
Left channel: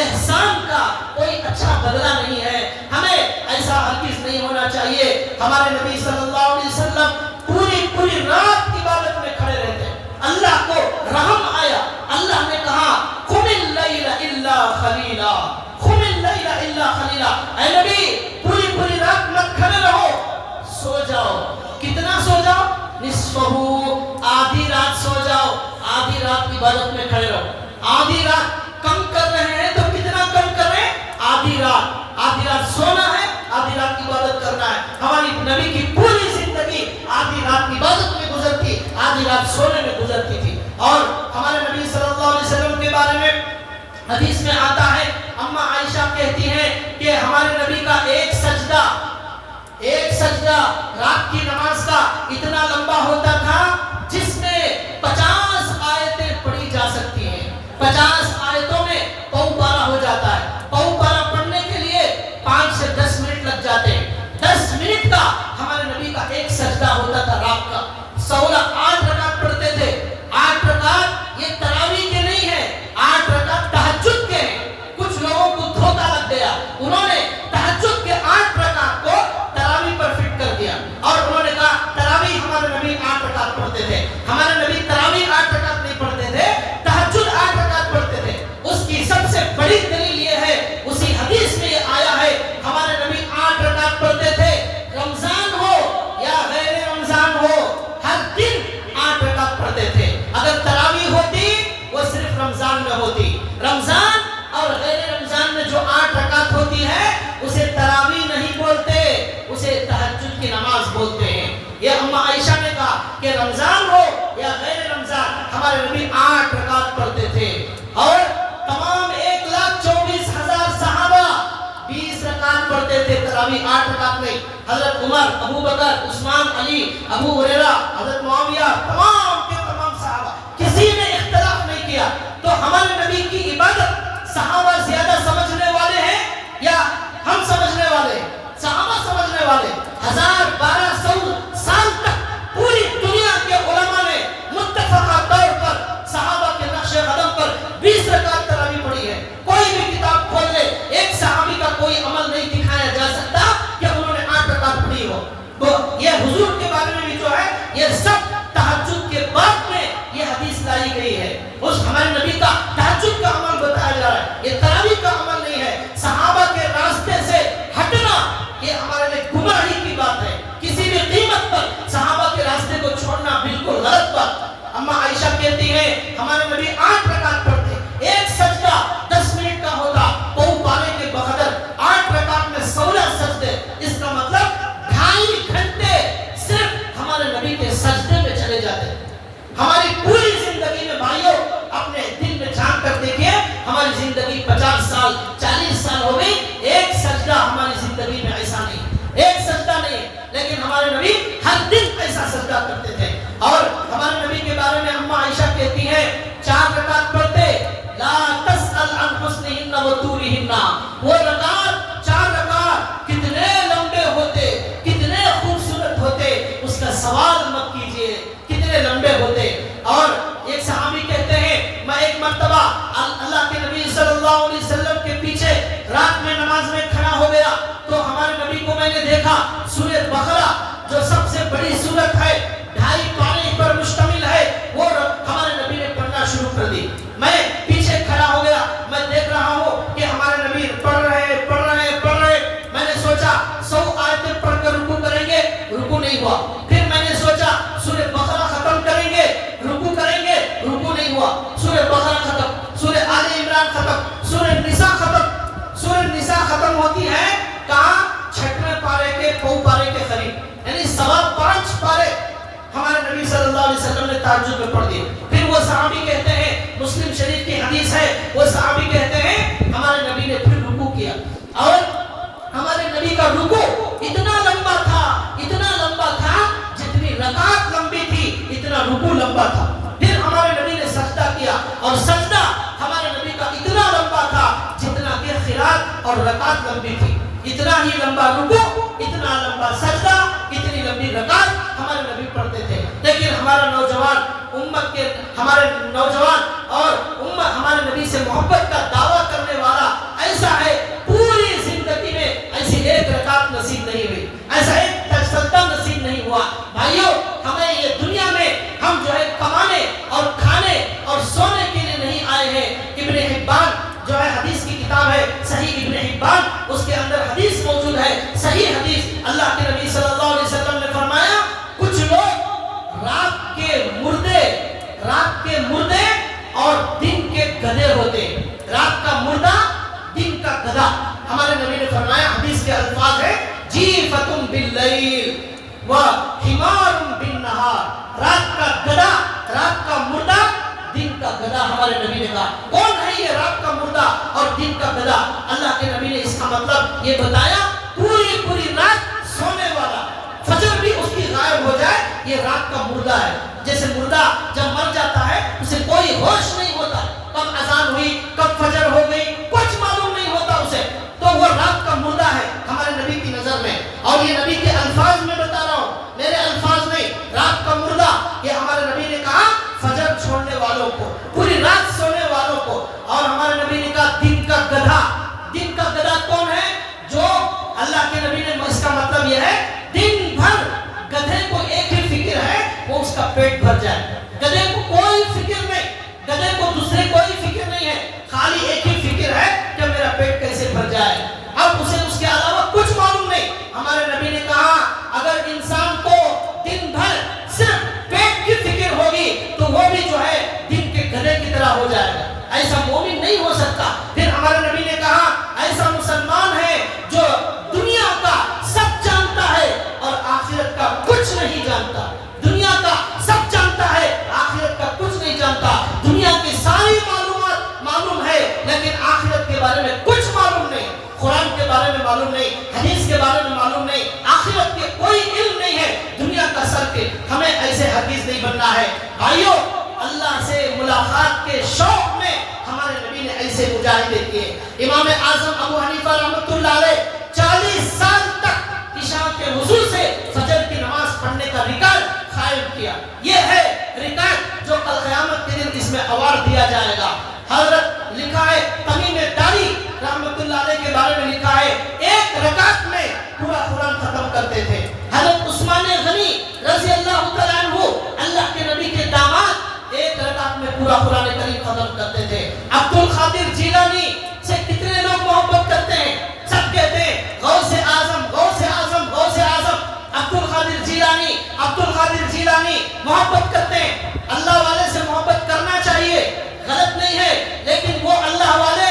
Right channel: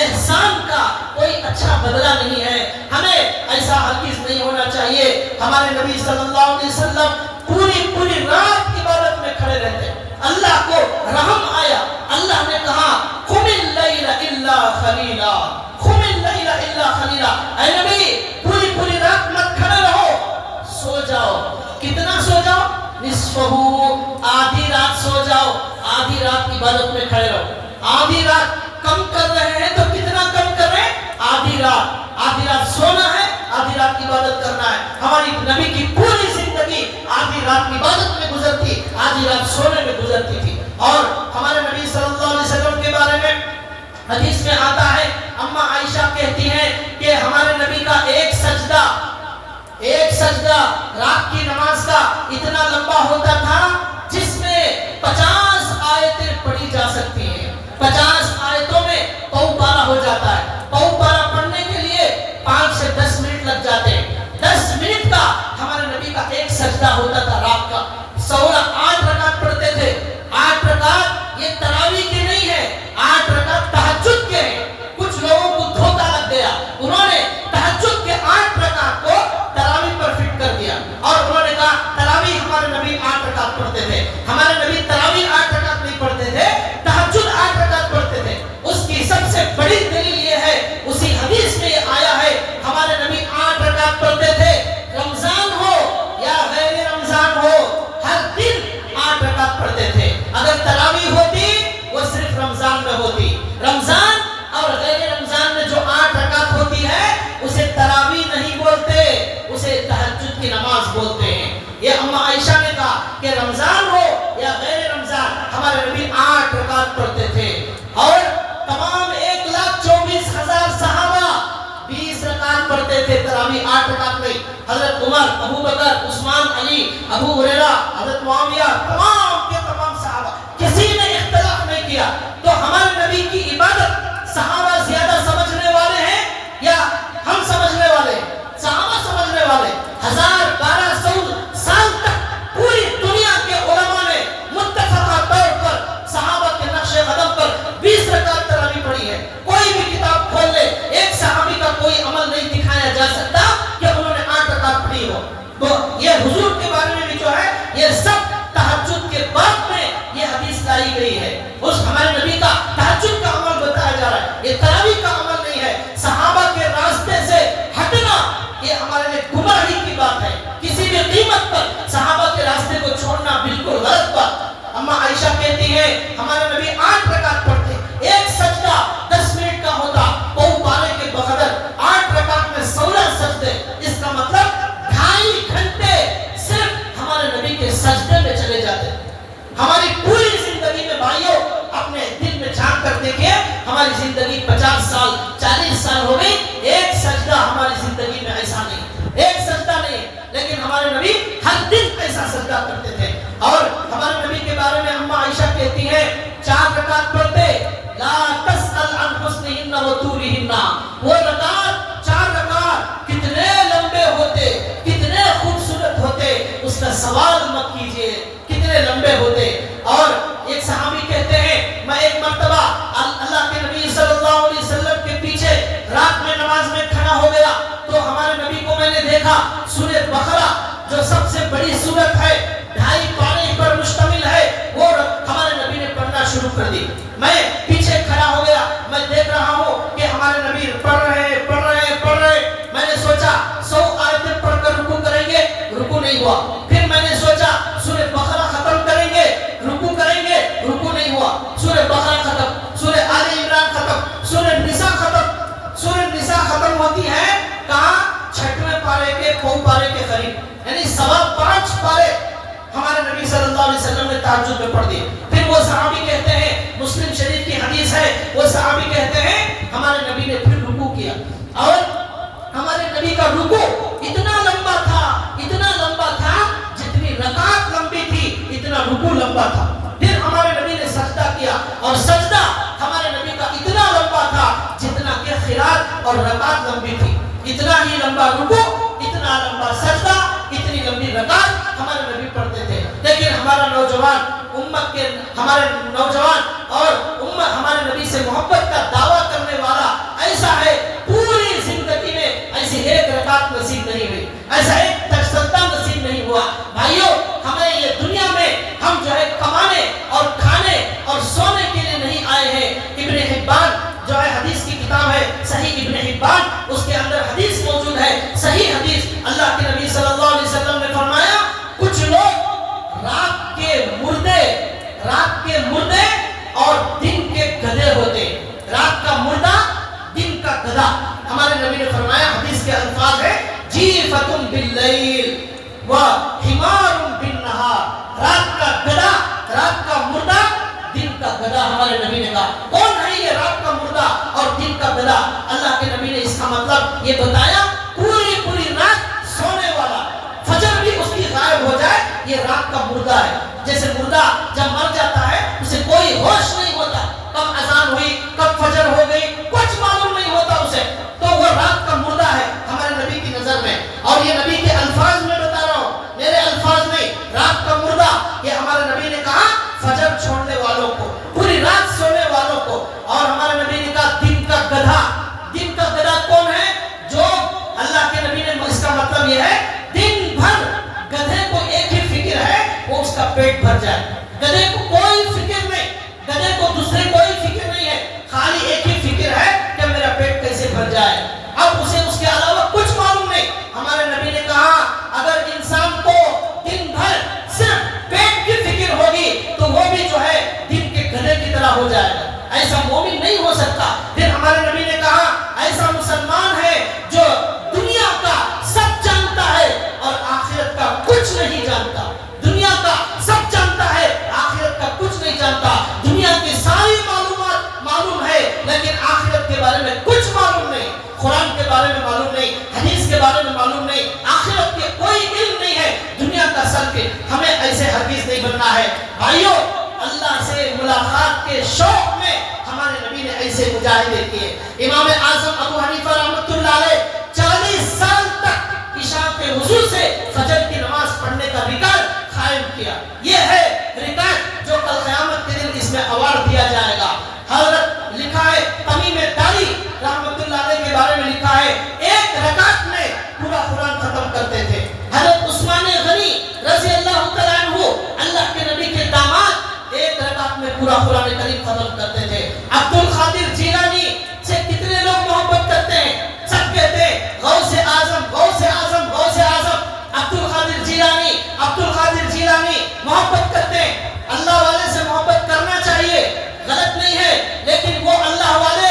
احسان کا کوئی اچھا بدلہ نہیں ہے. ہمیں ایسا ہرگز نہیں ہونا چاہیے. ہمارے نبی صلی اللہ علیہ وسلم پوری رات عبادت میں کھڑے رہتے. اللہ کو رحم آیا, اللہ نے کہا قم اللیل الا خلیلا, قم اللیل الا خلیلا. اے نبی پوری رات مت کھڑے رہو, سو جاؤ. کتنا سو جاؤ؟ نصفہ, آدھی رات سو جاؤ. آدھی رات عبادت میں کھڑے رہو. آدھی رات کم کر رہے ہیں تو کتنا کم کر رہے ہیں؟ آدھی رات سونا ہے, آدھی رات عبادت کرنا ہے. ہماری نبی کی پوری زندگی آدھی رات عبادت میں گزرتی, آدھی رات سونے میں گزرتی تھی. اور ہمارے نبی صلی اللہ علیہ وسلم کے بارے میں حدیث میں آتا ہے, اما عائشہ کہتی ہیں کہ ہمارے نبی کا ایک سجدہ رات کی نماز کا اتنا لمبا ہوتا تھا جس میں 50 آیتیں پڑھی جا سکتی ہیں. 50 آیتوں میں پاؤ پارا ہو جاتا ہے. پاؤ پارا پڑھنے کے لیے 5 سے 10 منٹ لگ جاتے ہیں. 10 منٹ کا ہمارے نبی کا ایک سجدہ ہوتا تھا رات کا. 8 رکعت پڑھتے تھے. 8 رکعت یہ تراویح کے نہیں ہے, 8 رکعت تہجد کے ہیں. کچھ لوگوں کو دھوکہ لگ گیا, انہوں نے تہجد کے 8 رکعت کو تراویح پر فٹ کر دیا اور انہوں نے کہا تراویح ہمارے نبی 8 رکعت پڑھتے تھے. ہمارے نبی تراویح 8 رکعت نہیں پڑھتے تھے, تہجد 8 رکعت پڑھتے تھے. اس کی سب سے بڑی دلیل یہ ہے, اسی حدیث میں یہ آیا ہے, ہمارے نبی 8 رکعت پڑھتے تھے. رمضان ہو یا غیر رمضان ہو, ہر دن 8 رکعت پڑھتے تھے. اگر تراویح ہوتی وہ صرف رمضان میں ہوتی. رمضان اور غیر رمضان میں جو 8 رکعت ہوتی ہے اسے تراویح نہیں بولتے, اسے تہجد کی نماز بولتے ہیں. یہ اما عائشہ نے کہا کہ رمضان ہو یا غیر رمضان ہمارے نبی 8 رکعت پڑھتے تھے. اور تمام 1,24,000 صحابہ 20 رکعت پڑھتے تھے تراویح 8 رکعت میں. حضرت عمر, ابو بکر, عثمان, علی, ابو ہریرہ, حضرت معاویہ, تمام کے تمام صحابہ, کسی نے اختلاف نہیں کیا. تو ہمارے نبی کی عبادت صحابہ زیادہ سمجھنے والے ہیں یا ہم سمجھنے والے ہیں؟ صحابہ سمجھنے والے. 1200 سال تک پوری دنیا کے علماء نے متفقہ طور پر صحابہ کے نقش قدم پر 20 رکعت تراویح پڑھی ہے. کوئی بھی کتاب کھول لے, ایک صحابی کا کوئی عمل نہیں دکھایا جا سکتا کہ انہوں نے 8 رکعت پڑھی ہو. تو یہ حضور کے بارے میں بھی جو ہے یہ سب تہجد کے بعد میں یہ حدیث لائی گئی ہے. اس ہمارے نبی کا تہجد کا عمل بتایا جا رہا ہے, یہ تراویح کا عمل نہیں ہے. صحابہ کے راستے سے ہٹنا یہ ہمارے لیے گمراہی کی بات ہے. کسی بھی قیمت پر صحابہ کے راستے کو چھوڑنا بالکل غلط بات. اما عائشہ کہتی ہے ہمارے نبی 8 رکعت پڑھتے, ایک سجدہ 10 منٹ کا ہوتا, پاؤ پارے کے بقدر 8 رکعت میں 16 سجدے. اس کا مطلب 2.5 گھنٹے صرف ہمارے نبی کے سجدے میں چلے جاتے. ہماری پوری زندگی میں بھائیوں اپنے دل میں جھانک کر دیکھیں, ہماری زندگی 50 سال 40 سال ہو گئی, ایک سجدہ ہماری زندگی میں ایسا نہیں, ایک سجدہ نہیں ہے. لیکن ہمارے نبی ہر دن ایسا سجدہ کرتے تھے. اور ہمارے نبی کے بارے میں اما عائشہ کہتی ہے 4 رکعت پڑھتے, لا تسأل عن حسنہن و طولہن. وہ رکعت 4 رکعت کتنے لمبے ہوتے, کتنے خوبصورت ہوتے, اس کا سوال مت کیجئے کتنے لمبے ہوتے. اور ایک صحابی کہتے ہیں میں ایک مرتبہ اللہ کے نبی صلی اللہ علیہ وسلم کے پیچھے رات میں نماز میں کھڑا ہو گیا تو ہمارے نبی کو میں نے دیکھا سورہ بقرہ جو سب سے بڑی سورت ہے, 2.5 پارے پر مشتمل ہے, وہ ہمارے نبی نے پڑھنا شروع کر دی. میں پیچھے کھڑا ہو گیا, میں دیکھ رہا ہوں کہ ہمارے نبی پڑھ رہے. میں نے سوچا 100 آیتیں پڑھ کر رکوع کریں گے, رکوع نہیں ہوا. پھر میں نے سوچا سورہ بقرہ ختم کریں گے, رکوع کریں گے, رکوع نہیں ہوا. سورہ بقرہ ختم, سورہ آل عمران ختم, سورہ نساء ختم. سورہ نساء ختم ہوتی ہے کہاں؟ 6ویں پارے کے پاؤ پارے کے قریب, یعنی 5.25 پارے ہمارے نبی صلی اللہ علیہ وسلم نے تہجد میں پڑھ دی. پھر وہ صحابی کہتے ہیں, مسلم شریف کی حدیث ہے, وہ صحابی کہتے ہیں ہمارے نبی نے پھر رکوع کیا اور ہمارے نبی کا رکوع اتنا لمبا تھا جتنی رکعت لمبی تھی اتنا رکوع لمبا تھا. پھر ہمارے نبی نے سجدہ کیا اور سجدہ ہمارے نبی کا اتنا لمبا تھا جتنا کہ قرات اور رکعت لمبی تھی. اتنا ہی لمبا رکوع, اتنا لمبا سجدہ, اتنی لمبی رکعت ہمارے نبی پڑھتے تھے. لیکن ہمارا نوجوان امت کے ہمارے نوجوان اور امت ہمارے نبی سے محبت کا دعویٰ کرنے والا ایسا ہے، پوری زندگی میں ایسی ایک رکعت نصیب نہیں ہوئی، ایسا ایک تجدد نصیب نہیں ہوا۔ بھائیوں، ہمیں یہ دنیا میں ہم جو ہے کمانے اور کھانے اور سونے کے لیے نہیں آئے ہیں۔ ابن حبان جو ہے حدیث کی کتاب ہے صحیح ابن حبان، اس کے اندر حدیث موجود ہے، صحیح حدیث، اللہ کے نبی صلی اللہ علیہ وسلم نے فرمایا کچھ لوگ رات کے مردے اور دن کے گدھے ہوتے، رات کا مردہ دن کا گدھا۔ ہمارے نبی نے فرمایا، حدیث کے الفاظ ہے جیفتم باللیل و حمار بالنہار، رات کا گدھا، رات کا مردہ، دن کا گدھا۔ ہمارے نبی نے کہا کون ہے یہ رات کا مردہ اور دن کا گدھا؟ اللہ کے نبی نے اس کا مطلب یہ بتایا، پوری رات سونے والا، فجر بھی اس کی غائب ہو جائے، یہ رات کا مردہ ہے۔ جیسے مردہ جب مر جاتا ہے اسے کوئی ہوش نہیں ہوتا، کب اذان ہوئی کب فجر ہو گئی کچھ معلوم نہیں ہوتا اسے، تو وہ رات کا مردہ ہے ہمارے نبی کی نظر میں۔ اور یہ نبی کے الفاظ میں بتا رہا ہوں، میرے الفاظ نہیں، رات کا مردہ یہ ہمارے نبی نے کہا فجر چھوڑنے والوں کو، پوری رات سونے والوں کو۔ اور ہمارے نبی نے کہا دن کا گدھا، دن کا گدھا کون ہے؟ جو اللہ کے نبی نے، اس کا مطلب یہ ہے دن بھر گدھے کو ایک ہی فکر ہے، وہ اس کا پیٹ بھر جائے۔ گدھے کو کوئی فکر نہیں، گدھے کو دوسری کوئی فکر نہیں ہے، خالی ایک ہی فکر ہے کہ میرا پیٹ کیسے بھر جائے، اب اسے اس کے علاوہ کچھ معلوم نہیں۔ ہمارے نبی نے کہا اگر انسان کو دن بھر صرف پیٹ کی فکر ہوگی تو وہ بھی جو ہے دن کے گدھے کی طرح ہو جائے گا، ایسا مومن نہیں ہو سکتا۔ پھر ہمارے نبی نے کہا ایسا مسلمان ہے جو دنیا کا سب جانتا ہے اور آخرت کا کچھ نہیں جانتا، دنیا کا سب جانتا ہے آخرت کا کچھ نہیں جانتا، دنیا کی ساری معلومات معلوم ہے لیکن آخرت کے بارے میں کچھ معلوم نہیں، قرآن کے بارے میں معلوم نہیں، حدیث کے بارے میں معلوم نہیں، آخرت کے کوئی علم نہیں ہے، دنیا کا سلک۔ ہمیں ایسے ہرگز نہیں بننا ہے۔ بھائیوں، اللہ سے ملاقات کے شوق میں ہمارے نبی نے ایسے مجاہدے کیے۔ امام اعظم ابو حنیفہ رحمۃ اللہ علیہ 40 سال تک عشاء کے وضو سے فجر کی نماز پڑھنے کا ریکارڈ قائم کیا۔ یہ ہے ریکارڈ جو کل قیامت کے دن اس میں ایوارڈ دیا جائے گا۔ حضرت لکھا ہے تمیم داری رحمۃ اللہ علیہ کے بارے میں لکھا ہے ایک رکعت میں پورا قرآن ختم کرتے تھے۔ حضرت عثمان غنی رضی اللہ تعالیٰ عنہ، اللہ کے نبی کے داماد، ایک رکعت میں پورا قرآن کریم ختم کرتے تھے۔ عبد القادر جیلانی سے کتنے لوگ محبت کرتے ہیں؟ سب کہتے ہیں غوث اعظم، غوث اعظم، غوث اعظم۔ عبد القادر جیلانی، عبد القادر جیلانی محبت کرتے ہیں۔ اللہ والے سے محبت کرنا چاہیے، غلط نہیں ہے، لیکن وہ اللہ والے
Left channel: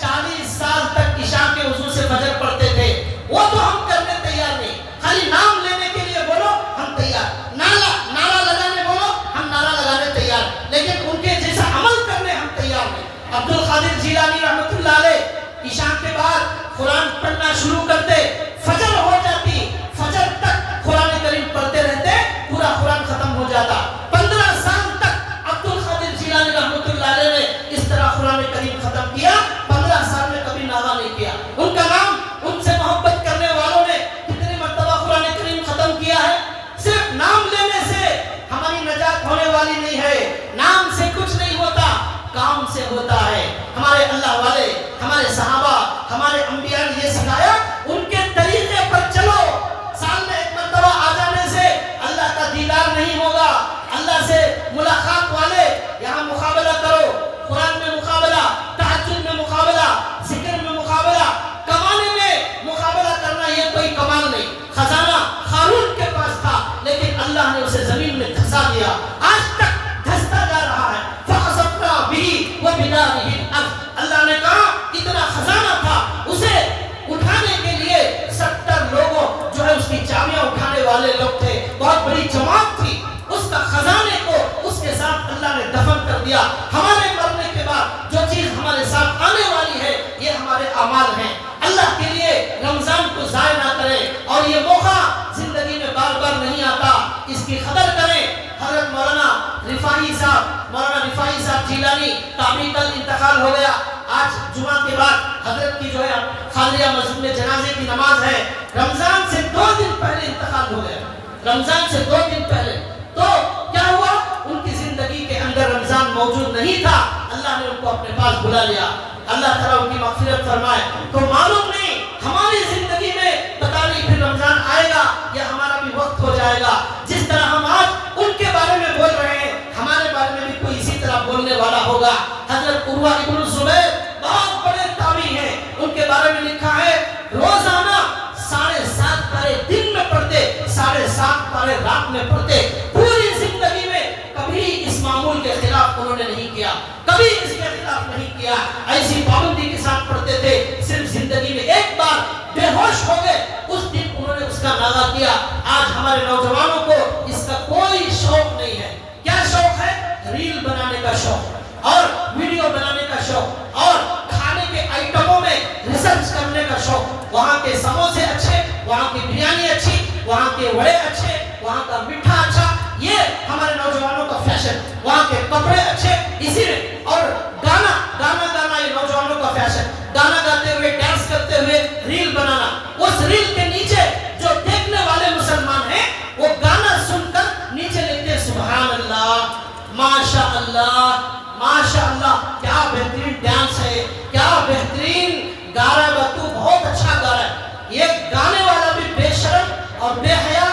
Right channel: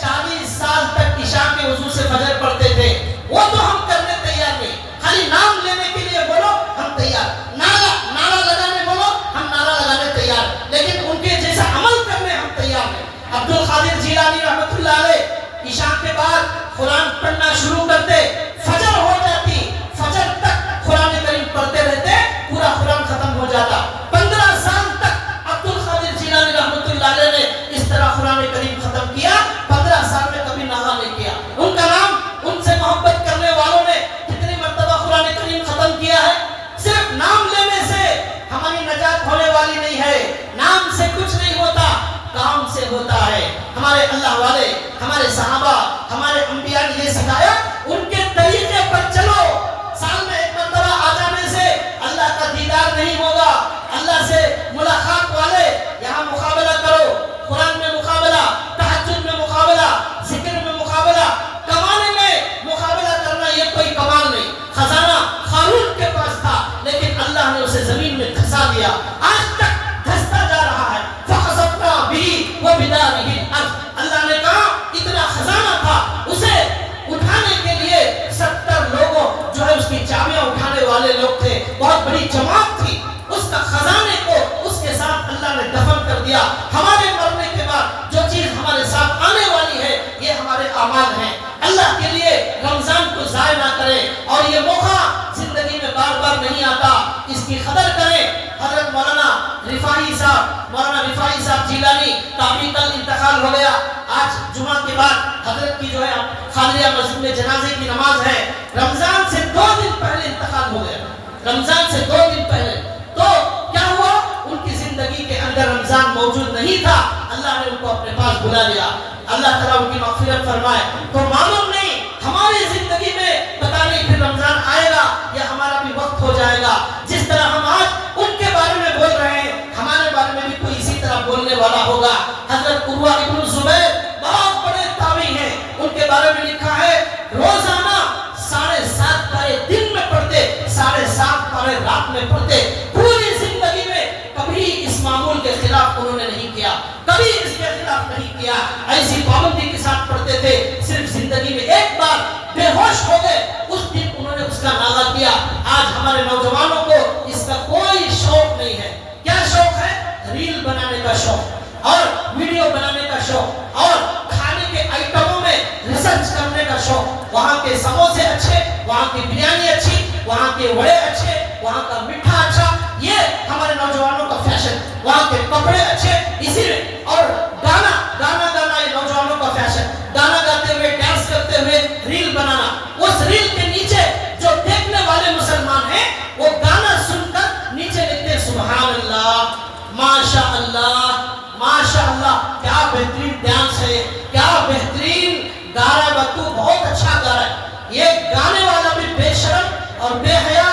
40 سال تک عشاء کے وضو سے فجر پڑھتے تھے، وہ تو ہم کرنے تیار نہیں۔ خالی نام لینے کے لیے بولو ہم تیار، نعرہ لگانے بولو ہم نعرہ لگانے تیار، لیکن ان کے جیسا عمل کرنے ہم تیار نہیں۔ عبد القادر جیلانی رحمۃ اللہ علیہ عشاء کے بعد قرآن پڑھنا شروع کرتے، فجر ہو جاتی، فجر تک قرآن کریم پڑھتے رہتے، پورا قرآن ختم ہو جاتا۔ 15 سال تک عبد القادر جیلانی رحمۃ اللہ علیہ نے اس طرح قرآن کریم ختم کیا، 15 سال میں کبھی نہا نہیں کیا۔ ان کا نام، ان سے محبت کرنے والوں نے کتنی مرتبہ قرآن کریم ختم کیا ہے؟ صرف نام لینے سے ہماری نجات ہونے والی نہیں ہے، نام سے کچھ نہیں ہوتا، کام سے ہوتا ہے۔ ہمارے اللہ والے، ہمارے صحابہ، ہمارے انبیاء نے یہ سکھایا، ان کے طریقے پر چلو۔ سال میں ایک مرتبہ آ جانے سے اللہ کا دیدار نہیں ہوگا۔ اللہ سے ملاقات والے یہاں مقابلہ کرو، قرآن میں مقابلہ، تہجد میں مقابلہ، ذکر میں مقابلہ، کمانے میں مقابلہ کرنا یہ کوئی کمال نہیں۔ خزانہ قارون کے پاس تھا لیکن اللہ نے اسے زمین میں دھسا دیا، آج تک دھستا جا رہا ہے۔ فخسفنا به وبداره الارض، اللہ نے کہا اتنا خزانہ تھا، اسے اٹھانے کے لیے 70 لوگوں جو ہے اس کی چابیاں اٹھانے والے لوگ تھے، بہت بڑی جماعت تھی، اس کا خزانے کو اس کے ساتھ اللہ نے دفن کر دیا۔ ہمارے مرنے کے بعد جو چیز ہمارے ساتھ آنے والی ہے یہ ہمارے اعمال ہیں۔ اللہ کے لیے رمضان کو ضائع نہ کریں، اور یہ موقع زندگی میں بار بار نہیں آتا، اس کی قدر کریں۔ حضرت مولانا رفاعی صاحب جیلانی تابعی کل انتقال ہو گیا۔ آج جمعہ کے بعد حضرت کی جو ہے خادریہ مسجد میں جنازے کی نماز ہے۔ رمضان سے 2 دن پہلے انتقال ہو گیا، رمضان سے 2 دن پہلے۔ تو کیا بلا لیا. اللہ تعالیٰ ان کی مغفرت فرمائے. تو معلوم نہیں ہماری زندگی میں پتہ نہیں پھر رمضان آئے گا یا ہمارا بھی وقت ہو جائے گا. جس طرح ہم آج ان کے بارے میں بول رہے ہیں ہمارے بارے میں بھی کوئی اسی طرح بولنے والا ہوگا. حضرت عروہ ابن الزبیر بہت بڑے تابعی ہیں. ان کے بارے میں لکھا ہے روزانہ 7.5 پارے دن میں پڑھتے, 7.5 پارے رات میں پڑھتے. پوری زندگی میں کبھی اس معمول کے خلاف انہوں نے نہیں کیا, کبھی اس کے خلاف نہیں کیا. ایسی پابندی کے ساتھ پڑھتے تھے. صرف زندگی میں ایک بار بے ہوش ہو گئے اس دن انہوں نے اس کا ناغہ کیا. آج ہمارے نوجوانوں کو اس کا کوئی شوق نہیں ہے. کیا شوق ہے؟ ریل بنانے کا شوق اور ویڈیو بنانے کا شوق اور کھانے کے آئٹموں میں ریسرچ کرنے کا شوق. وہاں کے سموسے اچھے, وہاں کی بریانی اچھی, وہاں کے وڑے اچھے, وہاں کا میٹھا اچھا, یہ ہمارے نوجوانوں کا فیشن. وہاں کے کپڑے اچھے, اسی میں اور گانا یہ نوجوانوں کا فیشن. گانا گاتے ہوئے, ڈانس کرتے ہوئے ریل بنانا. اس ریل کے نیچے جو دیکھنے والے مسلمان ہیں وہ گانا سن کر نیچے لکھتے ہیں سبحان اللہ, ماشاء اللہ, ماشاء اللہ, کیا بہترین ڈانس ہے, کیا بہترین گا رہا ہے, بتو بہت اچھا گا رہا ہے. یہ گانے والا بھی بے شرم اور بے حیا,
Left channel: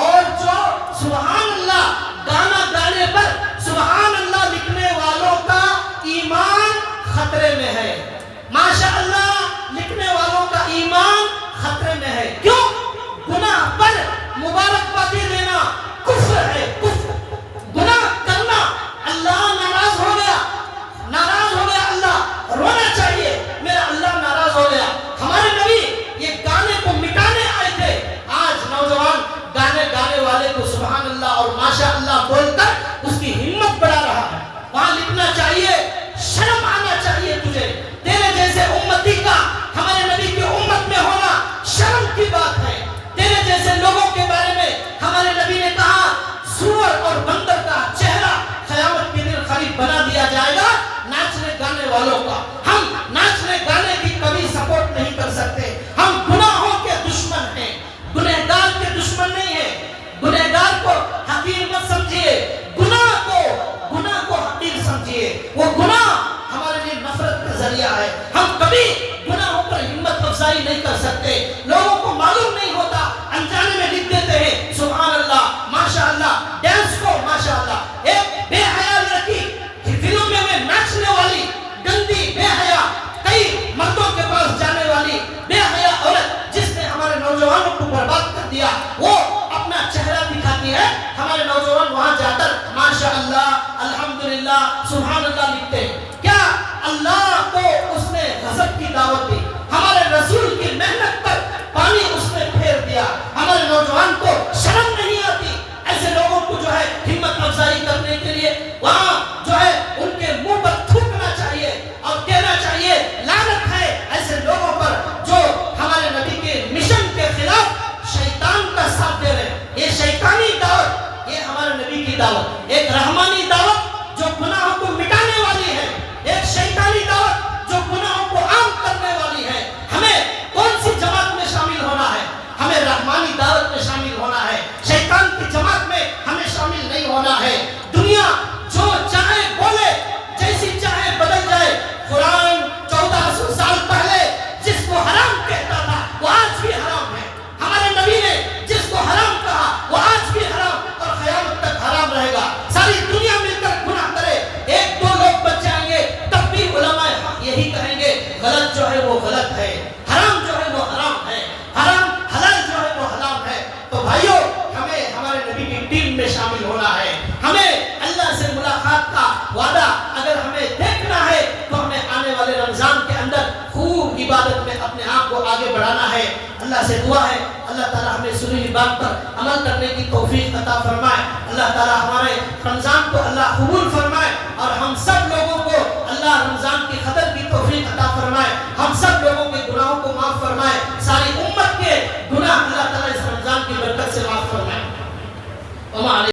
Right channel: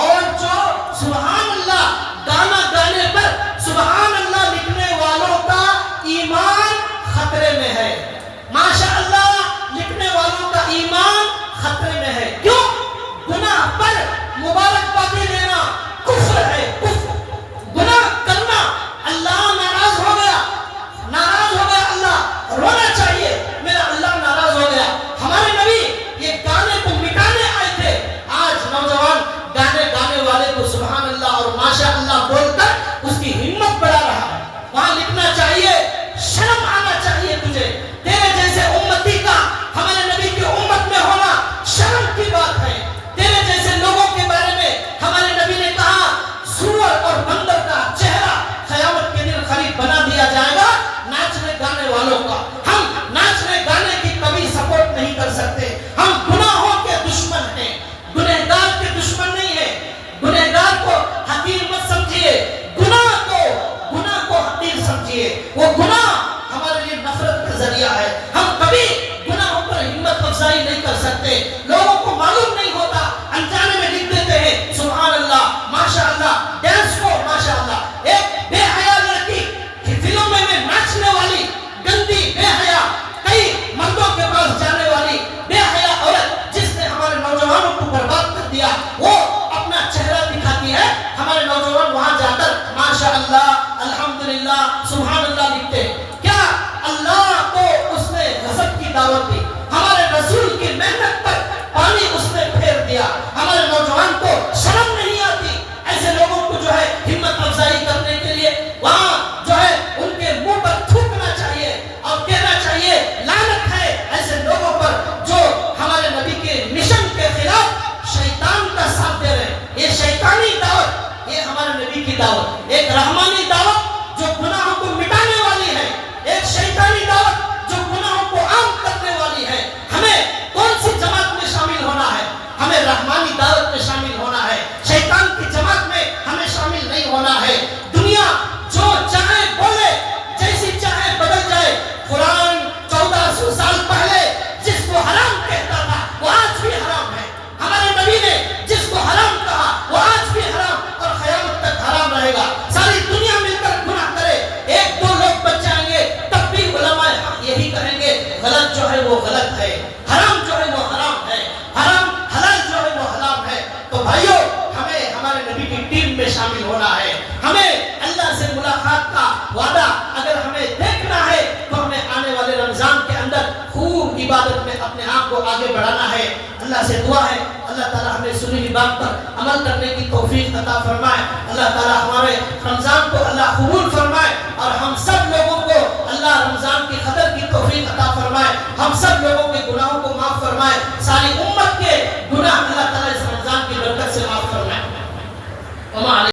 اور جو سبحان اللہ گانا گانے پر سبحان اللہ لکھنے والوں کا ایمان خطرے میں ہے. ماشاء اللہ لکھنے والوں کا ایمان خطرے میں ہے. کیوں؟ گناہ پر مبارکبادی دینا کفر ہے. گناہ کرنا اللہ ناراض ہو گیا, ناراض ہو گیا اللہ, رونا چاہیے میرا اللہ ناراض ہو گیا. ہمارے نبی یہ گانے کو مٹانے آئے تھے. آج نوجوان گانے والے کو سبحان اللہ اور ماشاء اللہ بول کر اس کی ہمت بڑھا رہا ہے. وہاں لکھنا چاہیے, شرم آنا چاہیے تجھے. تیرے جیسے امتی کا ہمارے نبی کی امت میں ہونا شرم کی بات ہے. تیرے جیسے لوگوں کے بارے میں ہمارے نبی نے کہا سور اور بندر کا چہرہ قیامت کے دن قریب بنا دیا جائے گا ناچنے گانے والوں کا. ہم ناچنے گانے کی کبھی سپورٹ نہیں کر سکتے. ہم گناہوں کے دشمن ہیں, گنہگار کے دشمن نہیں ہیں. گنہگار کو حقیر مت سمجھیے, گناہ کو حقیر سمجھیے. وہ گناہ ہمارے لیے نفرت کا ذریعہ ہے. ہم کبھی گناہوں پر ہمت افزائی نہیں کر سکتے. لوگوں کو معلوم نہیں ہوتا, انجانے میں لکھ دیتے ہیں سبحان اللہ, ماشاء اللہ. ڈانس کو ماشاء اللہ, ایک بے حیا لڑکی فلموں میں ناچنے والی گندی بے حیا, کئی مردوں کے پاس جانے والی بے حیا عورت جس نے ہمارے نوجوانوں کو برباد کر دیا, وہ اپنا چہرہ دکھاتی ہے. ہمارے نوجوان وہاں جا کر ماشاء اللہ, الحمدللہ, سبحان اللہ لکھتے ہیں. کیا اللہ کو اس نے غضب کی دعوت دی, ہمارے رسول کی محنت پر پانی اس نے پھیر دیا. ہمارے نوجوان کو شرم نہیں آتی ایسے لوگوں کو جو ہے ہمت افزائی کرنے کے لیے وہاں جو ہے ان کے منہ پر تھوکنا چاہیے اور کہنا چاہیے لعنت ہے ایسے لوگوں پر جو ہمارے نبی کے مشن کے خلاف شیطان کا ساتھ دے رہے ہیں. یہ شیطانی دعوت, یہ ہمارے نبی کی دعوت ایک رحمانی دعوت جو گناہوں کو مٹانے والی ہے, ایک شیطانی دعوت جو گناہوں کو عام کرنے والی ہے. ہمیں کون سی جماعت میں شامل ہونا ہے؟ ہمیں رحمانی دعوت میں شامل ہونا ہے, شیطان کی جماعت میں ہمیں شامل نہیں ہونا ہے. دنیا جو چاہے بولے, جیسی چاہے بدل جائے. قرآن 1400 سال پہلے جس کو حرام کہتا تھا وہ آج بھی حرام ہے. ہمارے نبی نے جس کو حرام کہا وہ آج بھی حرام اور قیامت تک حرام رہے گا. ساری دنیا مل کر گناہ کرے, 1-2 لوگ بچ جائیں گے تب بھی علماء یہی کہیں گے غلط جو ہے وہ غلط ہے, حرام جو ہے وہ حرام ہے, حرام حلال جو ہے وہ حرام ہے. تو بھائیو ہمیں ہمارے نبی کی ٹیم میں شامل ہونا ہے. ہمیں اللہ سے ملاقات کا وعدہ اگر ہمیں دیکھنا ہے تو ہمیں آنے والے رمضان کے اندر خوب عبادت میں اپنے آپ کو آگے بڑھانا ہے. اللہ سے دعا ہے اللہ تعالی ہمیں سنی بات پر عمل کرنے کی توفیق عطا فرمائے. اللہ تعالی ہمارے رمضان کو اللہ خوب